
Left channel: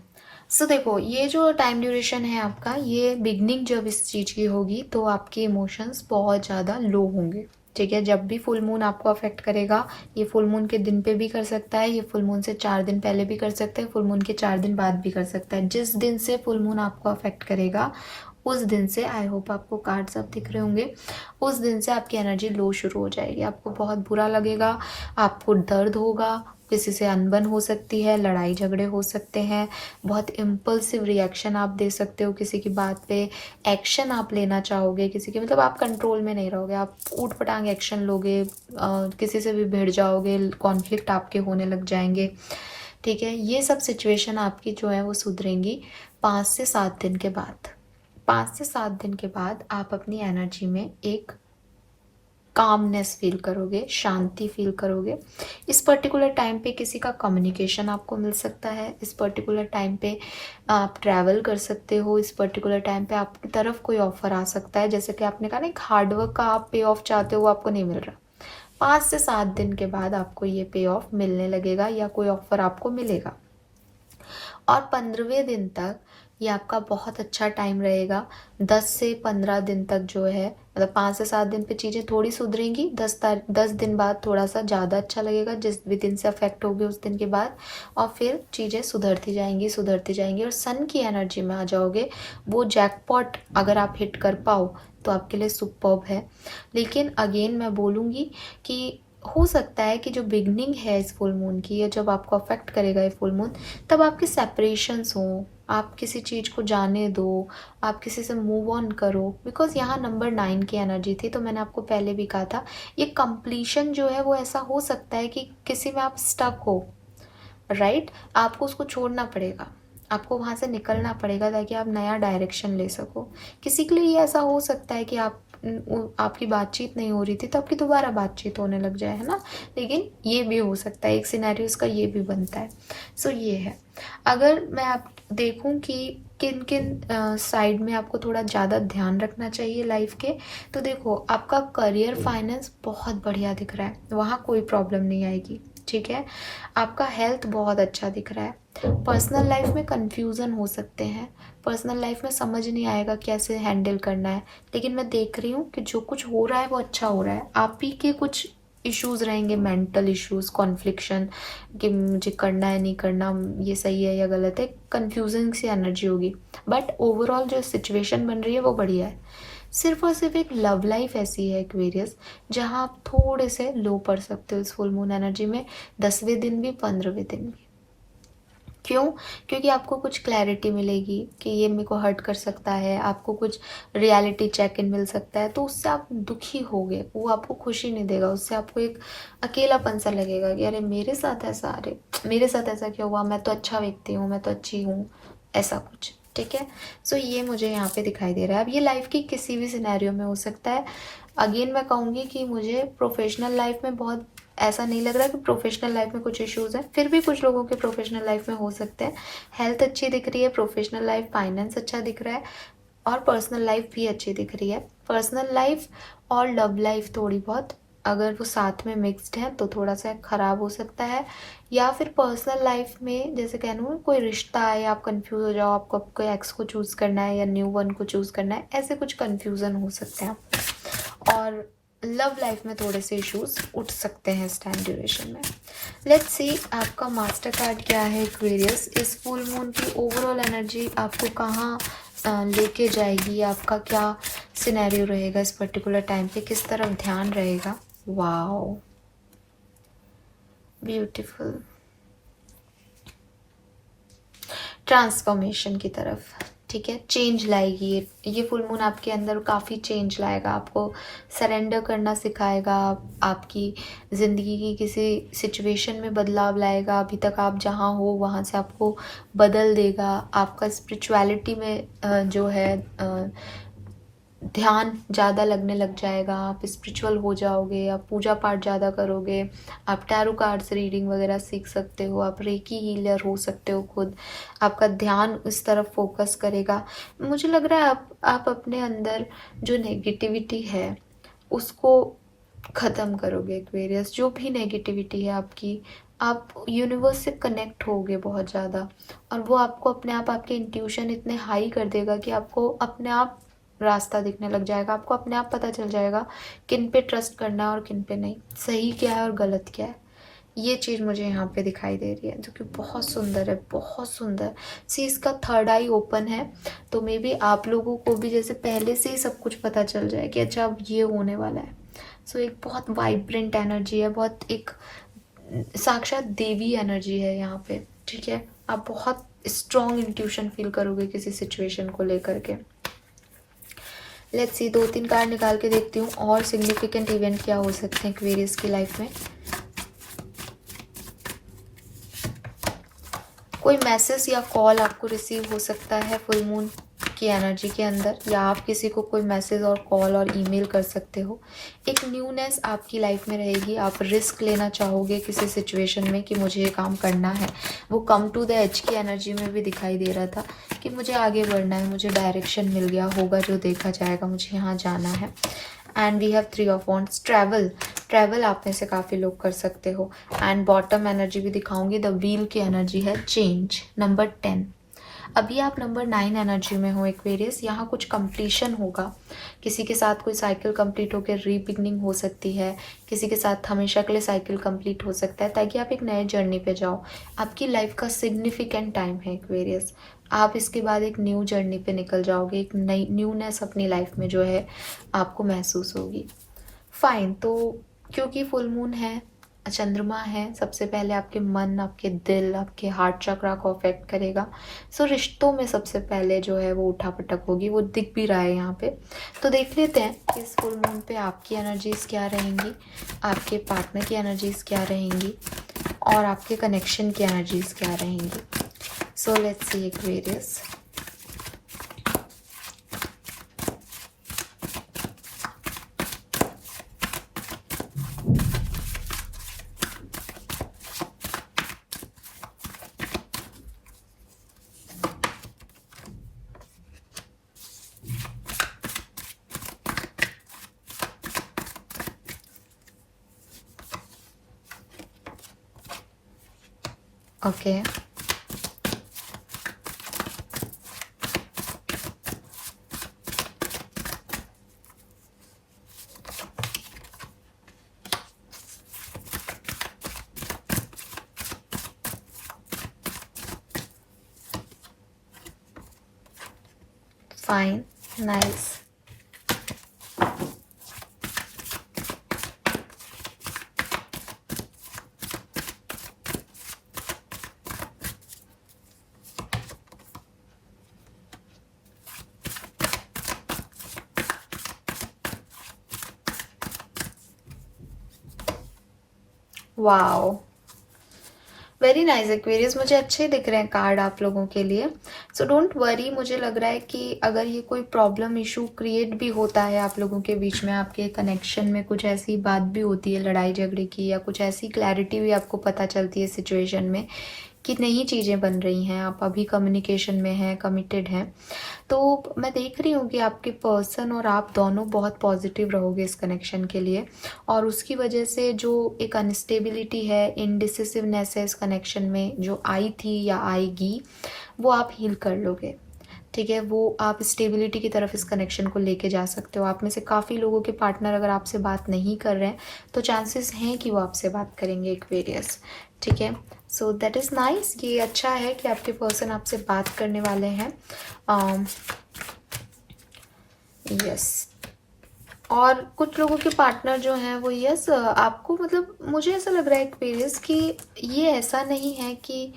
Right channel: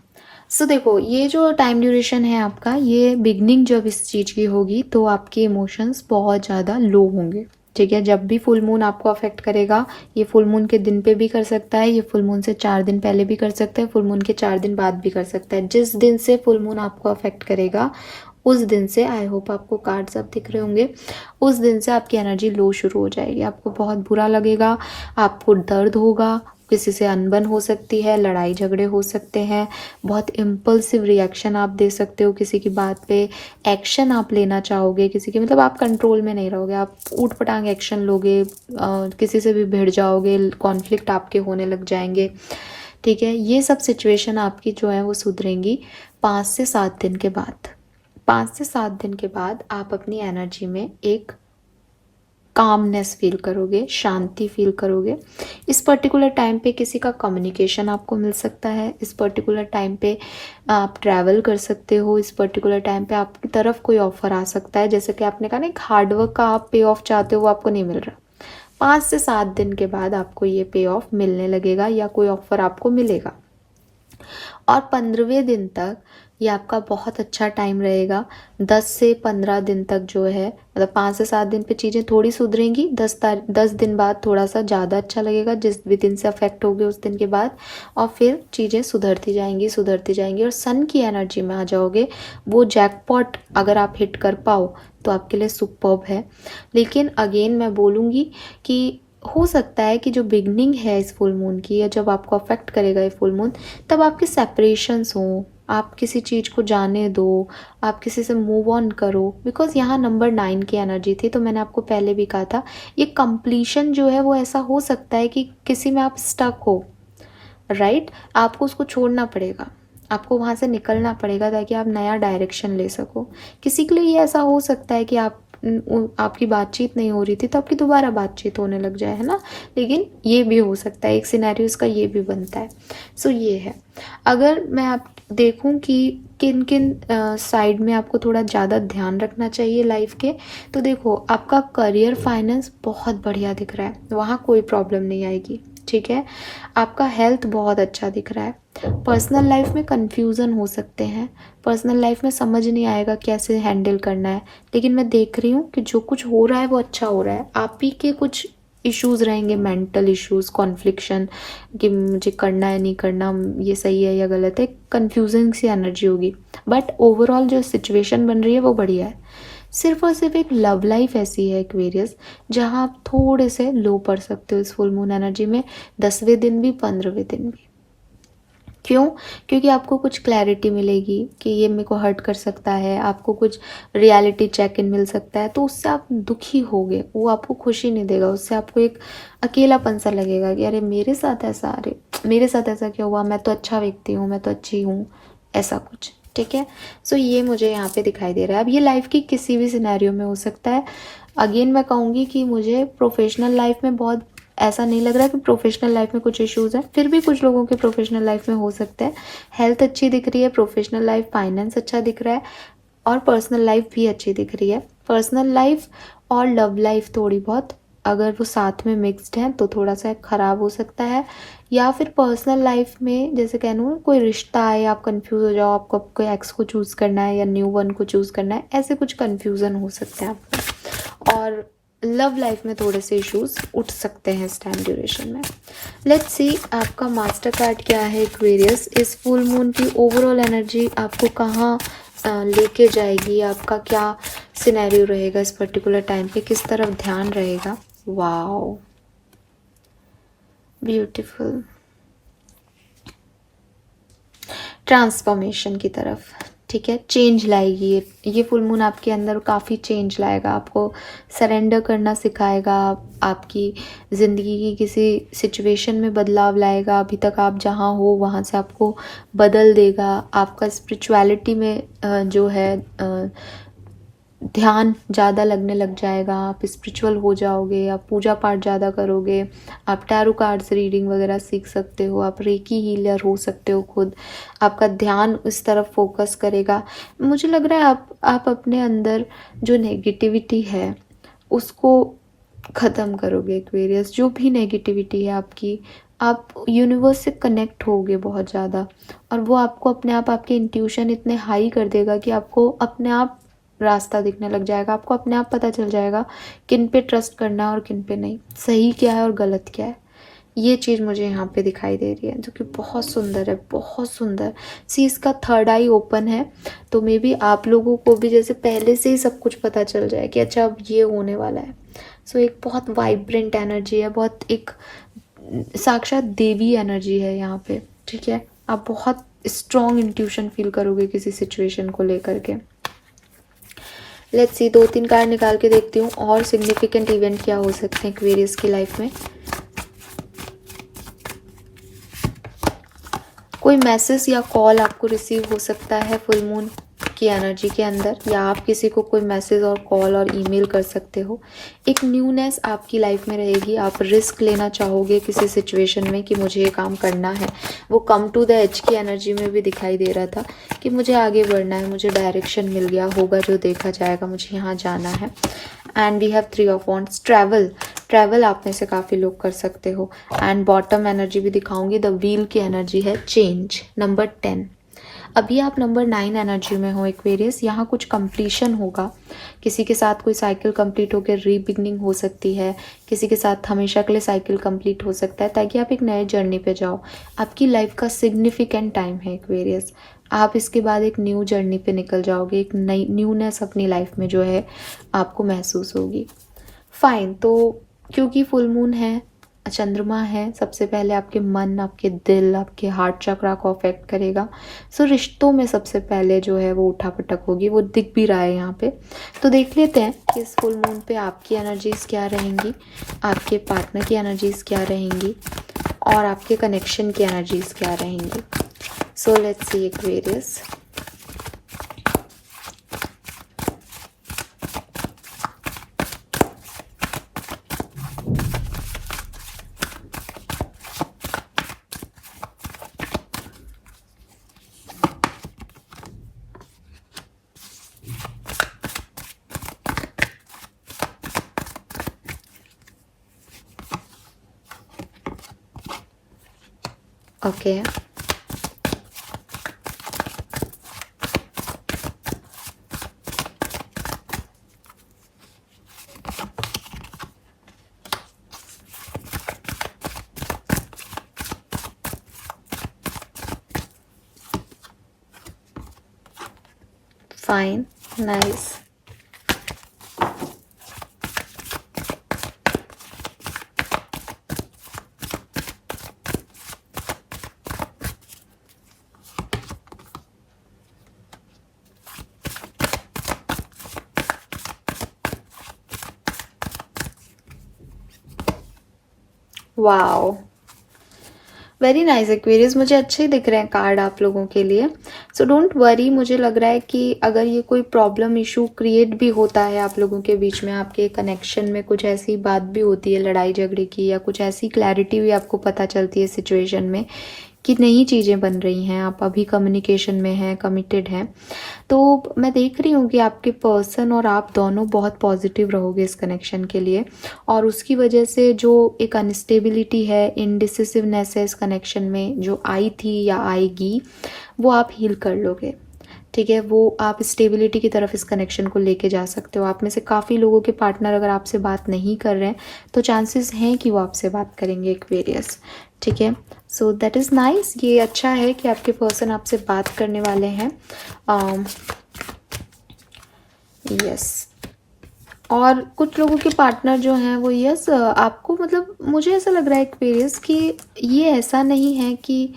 So देखो, ये जो टाइम ड्यूरेशन है आपका, ये बिगनिंग जब इस चीज़ की होगी तो आपके इमोशंस बहुत ज़्यादा लो होंगे। ठीक है, जब भी फुल मून आपको अफेक्ट करेगा, ये फुल मून के दिन पे भी कर सकता है, ये फुल मून से 4 दिन पहले भी कर सकता है, फुल मून के 4 दिन बाद भी कर सकता है। जिस दिन से फुल मून आपको अफेक्ट करेगा उस दिन से, आई होप आपको कार्ड्स अब दिख रहे होंगे, उस दिन से आपकी एनर्जी लो शुरू हो जाएगी। आपको बहुत बुरा लगेगा, आपको दर्द होगा, किसी से अनबन हो सकती है, लड़ाई झगड़े हो सकते हैं, बहुत इम्पल्सिव रिएक्शन आप दे सकते हो किसी की बात पे, एक्शन आप लेना चाहोगे किसी की, मतलब आप कंट्रोल में नहीं रहोगे, आप ऊट पटांग एक्शन लोगे, किसी से भी भिड़ जाओगे, कॉन्फ्लिक्ट आपके होने लग जाएंगे। ठीक है, ये सब सिचुएशन आपकी जो है वो सुधरेंगी 5 से 7 दिन के बाद। 5 से 7 दिन के बाद आप अपनी एनर्जी में एक कामनेस फील करोगे, शांति फील करोगे। इस पर्टिकुलर टाइम पे किसी का कम्युनिकेशन आपको मिल सकता है, इस पर्टिकुलर टाइम पे आप ट्रैवल कर सकते हो, इस पर्टिकुलर टाइम पे आपकी तरफ कोई ऑफर आ सकता है। जैसे कि आपने कहा ना, एक हार्डवर्क का आप पे ऑफ चाहते हो, वो आपको नहीं मिल रहा। 5 से 7 दिन के बाद आपको ये पे ऑफ मिलने लगेगा या कोई ऑफर आपको मिलेगा। और 15वें दिन तक ये आपका बहुत अच्छा टाइम रहेगा। 10 से 15 दिन तक जो है, मतलब 5 से 7 दिन पे चीज़ें थोड़ी सुधरेंगी, 10 दिन बाद थोड़ा सा ज़्यादा अच्छा लगेगा, जिस भी दिन से अफेक्ट होगी उस दिन के बाद, और फिर चीज़ें सुधरती जाएंगी और सन की एनर्जी में आ जाओगे। वो जैकपॉट अगर आप हिट कर पाओ तो आपके लिए सुपर्ब है। लेकिन अगेन मैं बोलूँगी कि हो सकता है कि जो बिगनिंग है इस फुल मून की, या जब आपको अफेक्ट करेगा ये फुल मून, तब आपके सेपरेशंस हों, आप किसी चीज़ को जाने दो, आप किसी से मूव ऑन करो। बिकॉज यहाँ नंबर 9 की एनर्जी थी, तो मैंने आपको पहले भी कहा था, ये कंप्लीशन जो है वो ऐसा हो सकता है कि किसी में आप स्टक हो, राइट? आपको उसको छोड़ना पड़ेगा, आपको वहाँ से निकलना पड़ेगा ताकि आप नया डायरेक्शन ले सको। किसी के लिए ये ऐसा हो सकता है कि आपकी बातचीत नहीं हो रही थी, तो आपकी दोबारा बातचीत होने लग जाए, है ना? लेकिन ये भी हो सकता है, एक सिनेरियो इसका ये भी बनता है। सो ये है। अगर मैं आप देखूं कि किन किन साइड में आपको थोड़ा ज़्यादा ध्यान रखना चाहिए लाइफ के, तो देखो, आपका करियर फाइनेंस बहुत बढ़िया दिख रहा है, वहाँ कोई प्रॉब्लम नहीं आएगी, ठीक है? आपका हेल्थ बहुत अच्छा दिख रहा है। पर्सनल लाइफ में कंफ्यूजन हो सकते हैं, पर्सनल लाइफ में समझ नहीं आएगा कैसे हैंडल करना है, लेकिन मैं देख रही हूँ कि जो कुछ हो रहा है वो अच्छा हो रहा है। आप ही के कुछ इश्यूज रहेंगे, मेंटल इश्यूज, कॉन्फ्लिक्शन, कि मुझे करना है नहीं करना, ये सही है या गलत है, कंफ्यूजन सी एनर्जी होगी। बट ओवरऑल जो सिचुएशन बन रही है वो बढ़िया है। सिर्फ और सिर्फ एक लव लाइफ ऐसी है एक्वेरियस, जहाँ आप थोड़े से लो पड़ सकते हो इस फुल मून एनर्जी में, 10वें दिन भी, 15वें दिन भी। क्यों? क्योंकि आपको कुछ क्लैरिटी मिलेगी कि ये मेरे को हर्ट कर सकता है, आपको कुछ रियलिटी चेक इन मिल सकता है, तो उससे आप दुखी होगे, वो आपको खुशी नहीं देगा, उससे आपको एक अकेलापन सा लगेगा कि अरे मेरे साथ ऐसा, अरे मेरे साथ ऐसा क्या हुआ, मैं तो अच्छा व्यक्ति हूँ, मैं तो अच्छी हूँ, ऐसा कुछ, ठीक है? सो ये मुझे यहाँ पे दिखाई दे रहा है। अब ये लाइफ की किसी भी सिनेरियो में हो सकता है। अगेन मैं कहूँगी कि मुझे प्रोफेशनल लाइफ में बहुत ऐसा नहीं लग रहा कि प्रोफेशनल लाइफ में कुछ इश्यूज हैं, फिर भी कुछ लोगों के प्रोफेशनल लाइफ में हो सकते हैं। हेल्थ अच्छी दिख रही है, प्रोफेशनल लाइफ, फाइनेंस अच्छा दिख रहा है, और पर्सनल लाइफ भी अच्छी दिख रही है। पर्सनल लाइफ और लव लाइफ थोड़ी बहुत अगर वो साथ में मिक्स्ड है तो थोड़ा सा खराब हो सकता है। या फिर पर्सनल लाइफ में जैसे कहूँ कोई रिश्ता है, आप कंफ्यूज हो जाओ, आपको कोई एक्स को चूज करना है या न्यू वन को चूज करना है, ऐसे कुछ कंफ्यूजन हो सकते हैं आप। और लव लाइफ में थोड़े से इश्यूज उठ सकते हैं इस टाइम ड्यूरेशन में। लेट्स सी आपका मास्टर कार्ड क्या है एक्वेरियस। इस फुल मून की ओवरऑल एनर्जी आपको कहाँ लेके जाएगी, आपका क्या सिनेरियो रहेगा इस पर्टिकुलर टाइम पे, किस तरफ ध्यान रहेगा? वाओ, ब्यूटीफुल, ट्रांसफॉर्मेशन की तरफ, ठीक है? चेंज लाएगी ये फुल मून आपके अंदर, काफ़ी चेंज लाएगा, आपको सरेंडर करना सिखाएगा, आपकी ज़िंदगी की किसी सिचुएशन में बदलाव लाएगा। अभी तक आप जहाँ हो वहाँ से आपको बदल देगा। आपका स्पिरिचुअलिटी में जो है ध्यान ज़्यादा लगने लग जाएगा, आप स्पिरिचुअल हो जाओगे, आप पूजा पाठ ज़्यादा करोगे, आप टैरो कार्ड्स रीडिंग वगैरह सीख सकते हो, आप रेकी हीलर हो सकते हो खुद। आपका ध्यान इस तरफ फोकस करेगा। मुझे लग रहा है आप अपने अंदर जो नेगेटिविटी है उसको ख़त्म करोगे एक्वेरियस। जो भी नेगेटिविटी है आपकी, आप यूनिवर्स से कनेक्ट होगे बहुत ज़्यादा, और वो आपको अपने आप, आपके इंट्यूशन इतने हाई कर देगा कि आपको अपने आप रास्ता दिखने लग जाएगा, आपको अपने आप पता चल जाएगा किन पे ट्रस्ट करना है और किन पे नहीं, सही क्या है और गलत क्या है। ये चीज़ मुझे यहाँ पे दिखाई दे रही है, जो कि बहुत सुंदर है, बहुत सुंदर। सी इसका थर्ड आई ओपन है, तो मे बी आप लोगों को भी जैसे पहले से ही सब कुछ पता चल जाए कि अच्छा अब ये होने वाला है। सो एक बहुत वाइब्रेंट एनर्जी है, बहुत एक साक्षात देवी एनर्जी है यहाँ पे, ठीक है? आप बहुत स्ट्रॉन्ग इंट्यूशन फील करोगे किसी सिचुएशन को लेकर के। लेट्स सी 2-3 कार्ड निकाल के देखती हूँ और सिग्निफिकेंट इवेंट क्या हो सकते हैं एक्वेरियस की लाइफ में। कोई मैसेज या कॉल आपको रिसीव हो सकता है फुल मून आपकी एनर्जी के अंदर, या आप किसी को कोई मैसेज और कॉल और ईमेल कर सकते हो। एक न्यूनेस आपकी लाइफ में रहेगी। आप रिस्क लेना चाहोगे किसी सिचुएशन में कि मुझे ये काम करना है। वो कम टू द एज की एनर्जी में भी दिखाई दे रहा था कि मुझे आगे बढ़ना है, मुझे डायरेक्शन मिल गया, होगा जो देखा जाएगा, मुझे यहाँ जाना है। And we have 3 of wands, travel आप में से काफ़ी लोग कर सकते हो। एंड बॉटम एनर्जी भी दिखाऊंगी, द व्हील की एनर्जी है चेंज, नंबर 10। अभी आप नंबर 9 एनर्जी में हो एक्वेरियस। यहाँ कुछ कंप्लीशन होगा, किसी के साथ कोई साइकिल कंप्लीट होकर रीबिगनिंग हो सकती है, किसी के साथ हमेशा के लिए साइकिल कंप्लीट हो सकता है, ताकि आप एक नए जर्नी पे जाओ। आपकी लाइफ का सिग्निफिकेंट टाइम है एक्वेरियस। आप इसके बाद एक न्यू जर्नी पे निकल जाओगे, एक नई न्यूनेस अपनी लाइफ में जो है आपको महसूस होगी। फाइन, तो क्योंकि फुल मून है, चंद्रमा है, सबसे पहले आपके मन, आपके दिल, आपके हार्ट चक्रा को अफेक्ट करेगा। सो रिश्तों में सबसे पहले जो है वो उठापटक होगी, वो दिख भी रहा है यहाँ पे। तो देख लेते हैं कि इस फुल मून पे आपकी एनर्जीज क्या रहेंगी, आपके पार्टनर की एनर्जीज क्या रहेंगी, और आपके कनेक्शन की एनर्जीज क्या रहेंगी। So let's see Aquarius. Okay, fine, nice. Wow, very nice Aquarius. मुझे अच्छे दिख रहे हैं कार्ड आप लोगों के लिए। So don't worry. मुझे लग रहा है कि अगर ये कोई प्रॉब्लम इशू क्रिएट भी होता है आप लोगों के बीच में, आपके कनेक्शन में कुछ ऐसी बात भी होती है लड़ाई झगड़े की, या कुछ ऐसी क्लैरिटी भी आपको पता चलती है सिचुएशन में कि नई चीज़ें बन रही हैं, आप अभी कम्युनिकेशन में हैं, कमिटेड हैं, तो मैं देख रही हूँ कि आपके पर्सन और आप दोनों बहुत पॉजिटिव रहोगे इस कनेक्शन के लिए। और उसकी वजह से जो एक अनस्टेबिलिटी है, इनडिसिसिवनेस है इस कनेक्शन में जो आई थी या आएगी, वो आप हील कर लोगे। ठीक है, वो आप स्टेबिलिटी की तरफ इस कनेक्शन को लेके जा सकते हो। आप में से काफ़ी लोगों के पार्टनर अगर आपसे बात नहीं कर रहे हैं तो चांसेस हैं कि वो आपसे बात करेंगे एक्वेरियस। ठीक है, सो दैट इज़ नाइस। ये अच्छा है कि आपके पर्सन आपसे बात करने वाले हैं। यस, और कुछ लोगों के पार्टनर जो हैं वो यस आपको, मतलब मुझे ऐसा लग रहा है एक्वेरियस कि ये ऐसा नहीं है कि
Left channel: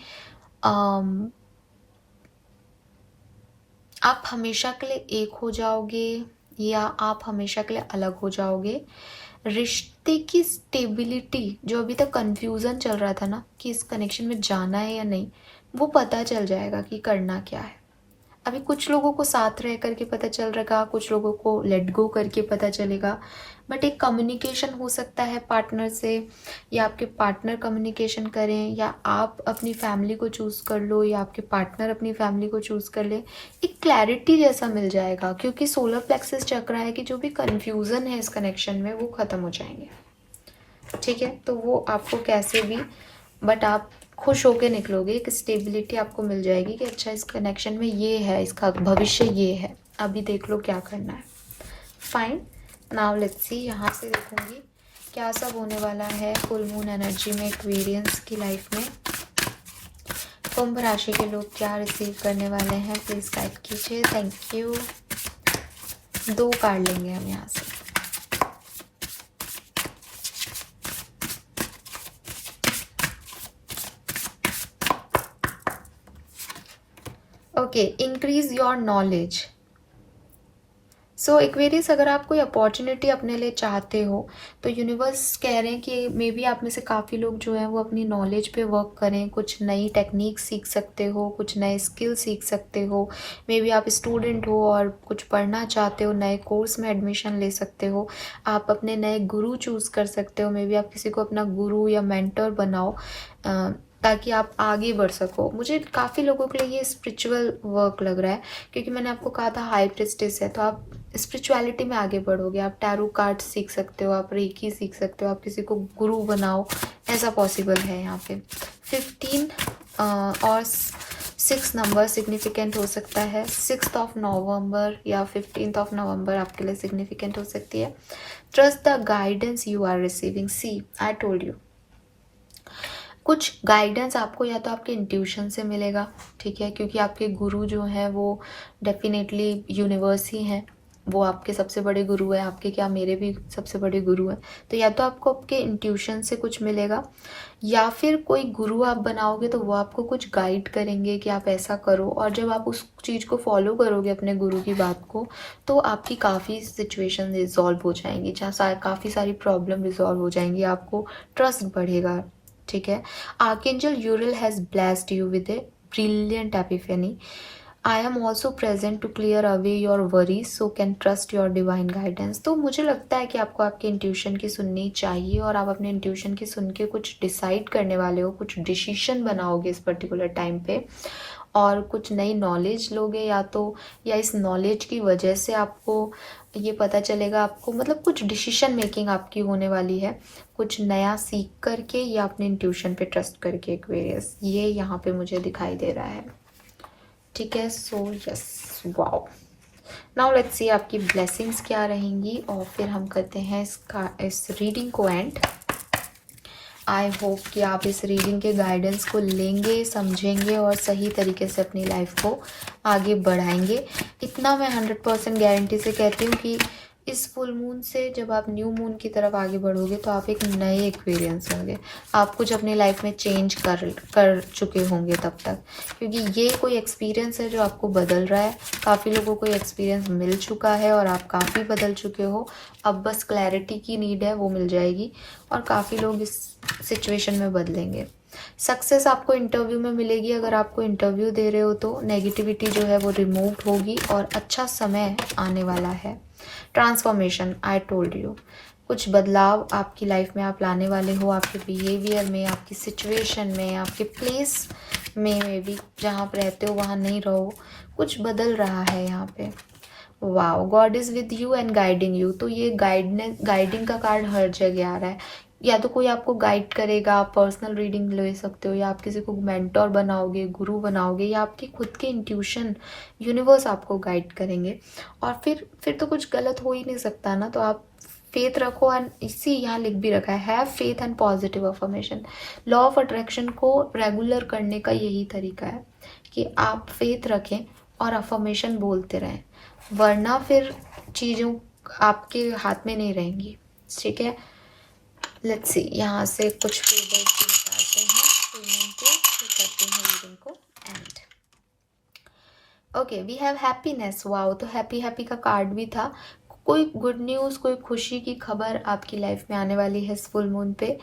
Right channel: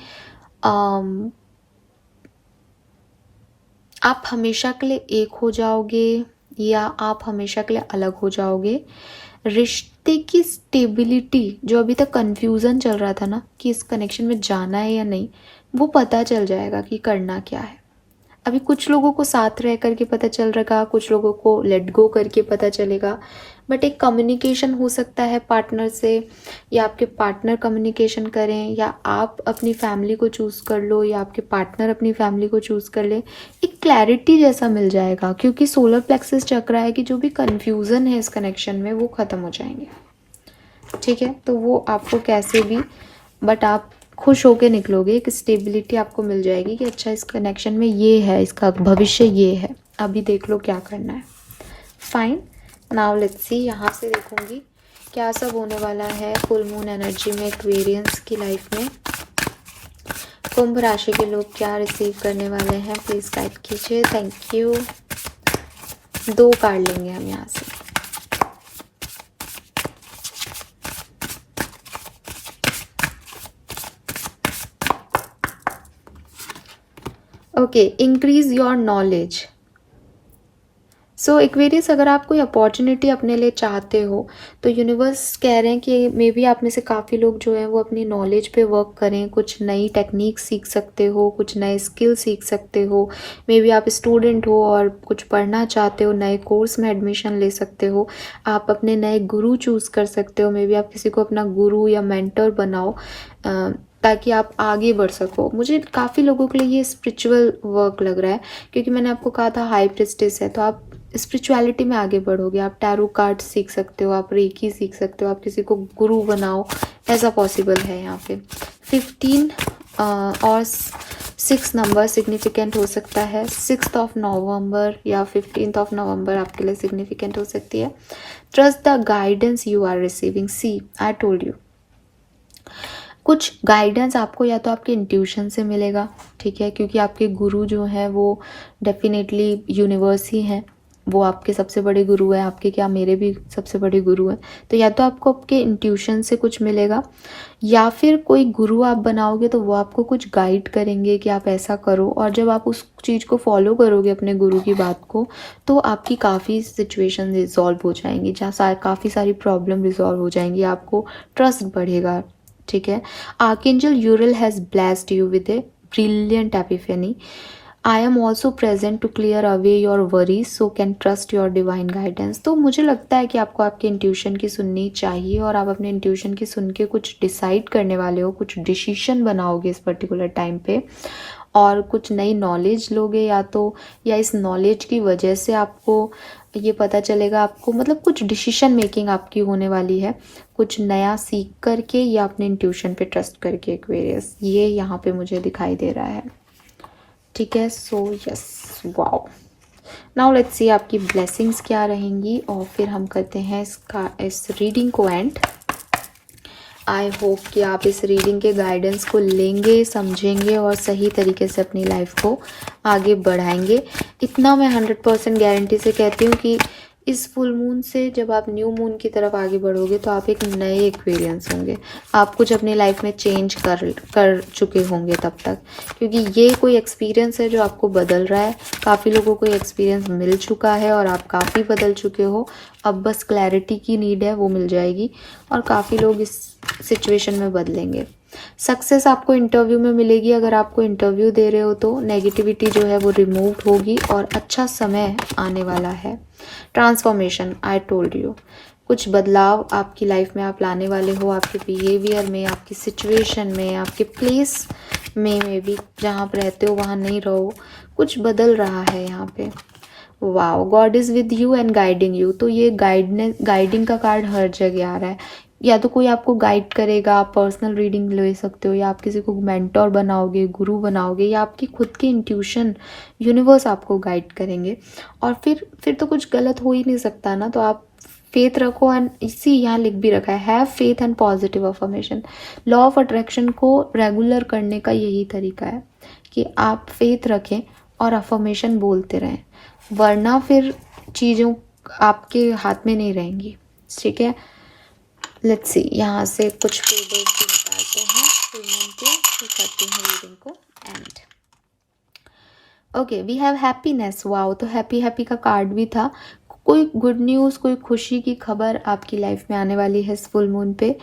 आप हमेशा के लिए एक हो जाओगे या आप हमेशा के लिए अलग हो जाओगे। रिश्ते की स्टेबिलिटी, जो अभी तक कंफ्यूजन चल रहा था ना कि इस कनेक्शन में जाना है या नहीं, वो पता चल जाएगा कि करना क्या है। अभी कुछ लोगों को साथ रह करके पता चल रहा, कुछ लोगों को लेट गो करके पता चलेगा। बट एक कम्युनिकेशन हो सकता है पार्टनर से, या आपके पार्टनर कम्युनिकेशन करें, या आप अपनी फैमिली को चूज कर लो, या आपके पार्टनर अपनी फैमिली को चूज कर ले। एक क्लैरिटी जैसा मिल जाएगा, क्योंकि सोलर प्लेक्सस चक्र है कि जो भी कंफ्यूजन है इस कनेक्शन में वो खत्म हो जाएंगे। ठीक है, तो वो आपको कैसे भी, बट आप खुश होके निकलोगे, एक स्टेबिलिटी आपको मिल जाएगी कि अच्छा इस कनेक्शन में ये है, इसका भविष्य ये है, अभी देख लो क्या करना है। Fine, now let's see. यहाँ से देखूंगी क्या सब होने वाला है फुल मून एनर्जी में एक्वेरियंस की लाइफ में। कुंभ राशि के लोग क्या रिसीव करने वाले हैं, प्लीज गाइड कीजिए। Thank you. 2 कार्ड लेंगे हम यहाँ से। Okay, increase your knowledge. So Aquarius, अगर आप कोई अपॉर्चुनिटी अपने लिए चाहते हो तो यूनिवर्स कह रहे हैं कि मे बी आप में से काफ़ी लोग जो हैं वो अपनी नॉलेज पे वर्क करें, कुछ नई टेक्निक सीख सकते हो, कुछ नए स्किल सीख सकते हो। मे बी आप स्टूडेंट हो और कुछ पढ़ना चाहते हो, नए कोर्स में एडमिशन ले सकते हो, आप अपने नए गुरु चूज़ कर सकते हो। मे बी आप किसी को अपना गुरु या मेंटर बनाओ ताकि आप आगे बढ़ सको। मुझे काफ़ी लोगों के लिए ये स्पिरिचुअल वर्क लग रहा है, क्योंकि मैंने आपको कहा था हाई प्रिस्टेस है, तो आप स्पिरिचुअलिटी में आगे बढ़ोगे। आप टैरो कार्ड सीख सकते हो, आप रेकी सीख सकते हो, आप किसी को गुरु बनाओ, ऐसा पॉसिबल है यहाँ पे। 15 और 6 नंबर सिग्निफिकेंट हो सकता है। 6 नवंबर या 15 नवंबर आपके लिए सिग्निफिकेंट हो सकती है। Trust the guidance you are receiving. See, I told you, कुछ गाइडेंस आपको या तो आपके इंट्यूशन से मिलेगा, ठीक है, क्योंकि आपके गुरु जो हैं वो डेफिनेटली यूनिवर्स ही हैं, वो आपके सबसे बड़े गुरु हैं, आपके क्या मेरे भी सबसे बड़े गुरु हैं। तो या तो आपको आपके इंट्यूशन से कुछ मिलेगा, या फिर कोई गुरु आप बनाओगे तो वो आपको कुछ गाइड करेंगे कि आप ऐसा करो, और जब आप उस चीज़ को फॉलो करोगे अपने गुरु की बात को, तो आपकी काफ़ी सिचुएशन रिजॉल्व हो जाएंगी, जहाँ काफ़ी सारी प्रॉब्लम रिजॉल्व हो जाएंगी, आपको ट्रस्ट बढ़ेगा, ठीक है। Archangel Uriel has blessed you with a brilliant epiphany. I am also present to clear away your worries, so can trust your divine guidance. तो मुझे लगता है कि आपको आपके इंट्यूशन की सुननी चाहिए, और आप अपने इंट्यूशन की सुन के कुछ डिसाइड करने वाले हो, कुछ डिसीजन बनाओगे इस पर्टिकुलर टाइम पे, और कुछ नई नॉलेज लोगे, या इस नॉलेज की वजह से आपको ये पता चलेगा, आपको मतलब कुछ डिसीजन मेकिंग आपकी होने वाली है, कुछ नया सीख करके या अपने इंट्यूशन पे ट्रस्ट करके। एक्वेरियस, ये यहाँ पे मुझे दिखाई दे रहा है, ठीक है। So yes, wow. Now let's see आपकी ब्लेसिंग्स क्या रहेंगी, और फिर हम करते हैं इस रीडिंग को एंड। आई होप कि आप इस रीडिंग के गाइडेंस को लेंगे, समझेंगे और सही तरीके से अपनी लाइफ को आगे बढ़ाएंगे। इतना मैं 100% गारंटी से कहती हूँ कि इस फुल मून से जब आप न्यू मून की तरफ आगे बढ़ोगे तो आप एक नए एक्सपीरियंस होंगे, आप कुछ अपनी लाइफ में चेंज कर चुके होंगे तब तक, क्योंकि ये कोई एक्सपीरियंस है जो आपको बदल रहा है। काफ़ी लोगों को ये एक्सपीरियंस मिल चुका है और आप काफ़ी बदल चुके हो, अब बस क्लैरिटी की नीड है, वो मिल जाएगी, और काफ़ी लोग इस सिचुएशन में बदलेंगे। सक्सेस आपको इंटरव्यू में मिलेगी, अगर आपको इंटरव्यू दे रहे हो तो नेगेटिविटी जो है वो रिमूव होगी और अच्छा समय आने वाला है। ट्रांसफॉर्मेशन, आई टोल्ड यू, कुछ बदलाव आपकी लाइफ में आप लाने वाले हो, आपके बिहेवियर में, आपकी सिचुएशन में, आपके प्लेस में भी जहाँ आप रहते हो वहाँ नहीं रहो, कुछ बदल रहा है यहाँ पे। Wow, God is with you and guiding you. तो ये गाइडिंग का कार्ड हर जगह आ रहा है, या तो कोई आपको गाइड करेगा, आप पर्सनल रीडिंग ले सकते हो, या आप किसी को मेंटोर बनाओगे, गुरु बनाओगे, या आपकी खुद की इंट्यूशन, यूनिवर्स आपको गाइड करेंगे। और फिर तो कुछ गलत हो ही नहीं सकता ना, तो आप फेथ रखो। एंड इसी यहाँ लिख भी रखा है, have faith and positive affirmation. Law of attraction को रेगुलर करने का यही तरीका है कि आप फेथ रखें और अफर्मेशन बोलते रहें, वरना फिर चीज़ों आपके हाथ में नहीं रहेंगी, ठीक है। लेट्स सी, यहाँ से कुछ पेजेस भी निकालते हैं फिर करते हैं रीडिंग को end. Okay, we have happiness. Wow, तो हैप्पी का कार्ड भी था। कोई गुड न्यूज़, कोई खुशी की खबर आपकी लाइफ में आने वाली है इस फुल मून पे।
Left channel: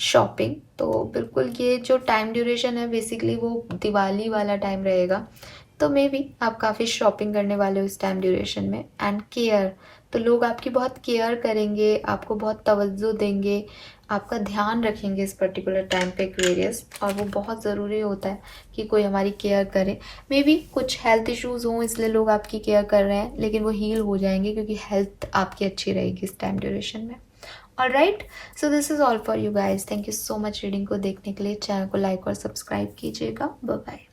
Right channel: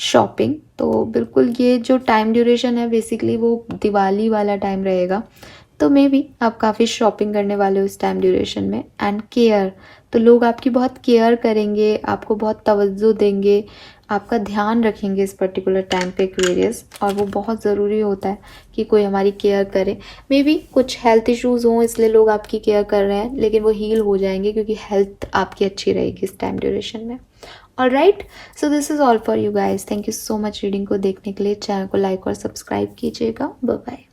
शॉपिंग, तो बिल्कुल ये जो टाइम ड्यूरेशन है बेसिकली वो दिवाली वाला टाइम रहेगा, तो मे बी आप काफ़ी शॉपिंग करने वाले हो इस टाइम ड्यूरेशन में। एंड केयर, तो लोग आपकी बहुत केयर करेंगे, आपको बहुत तवज्जो देंगे, आपका ध्यान रखेंगे इस पर्टिकुलर टाइम पे एक्वेरियस, और वो बहुत ज़रूरी होता है कि कोई हमारी केयर करे। मे बी कुछ हेल्थ इश्यूज़ हों इसलिए लोग आपकी केयर कर रहे हैं, लेकिन वो हील हो जाएंगे क्योंकि हेल्थ आपकी अच्छी रहेगी इस टाइम ड्यूरेशन में। Alright, so this is all for you guys. Thank you so much reading को देखने के लिए। चैनल को लाइक और सब्सक्राइब कीजिएगा। Bye bye.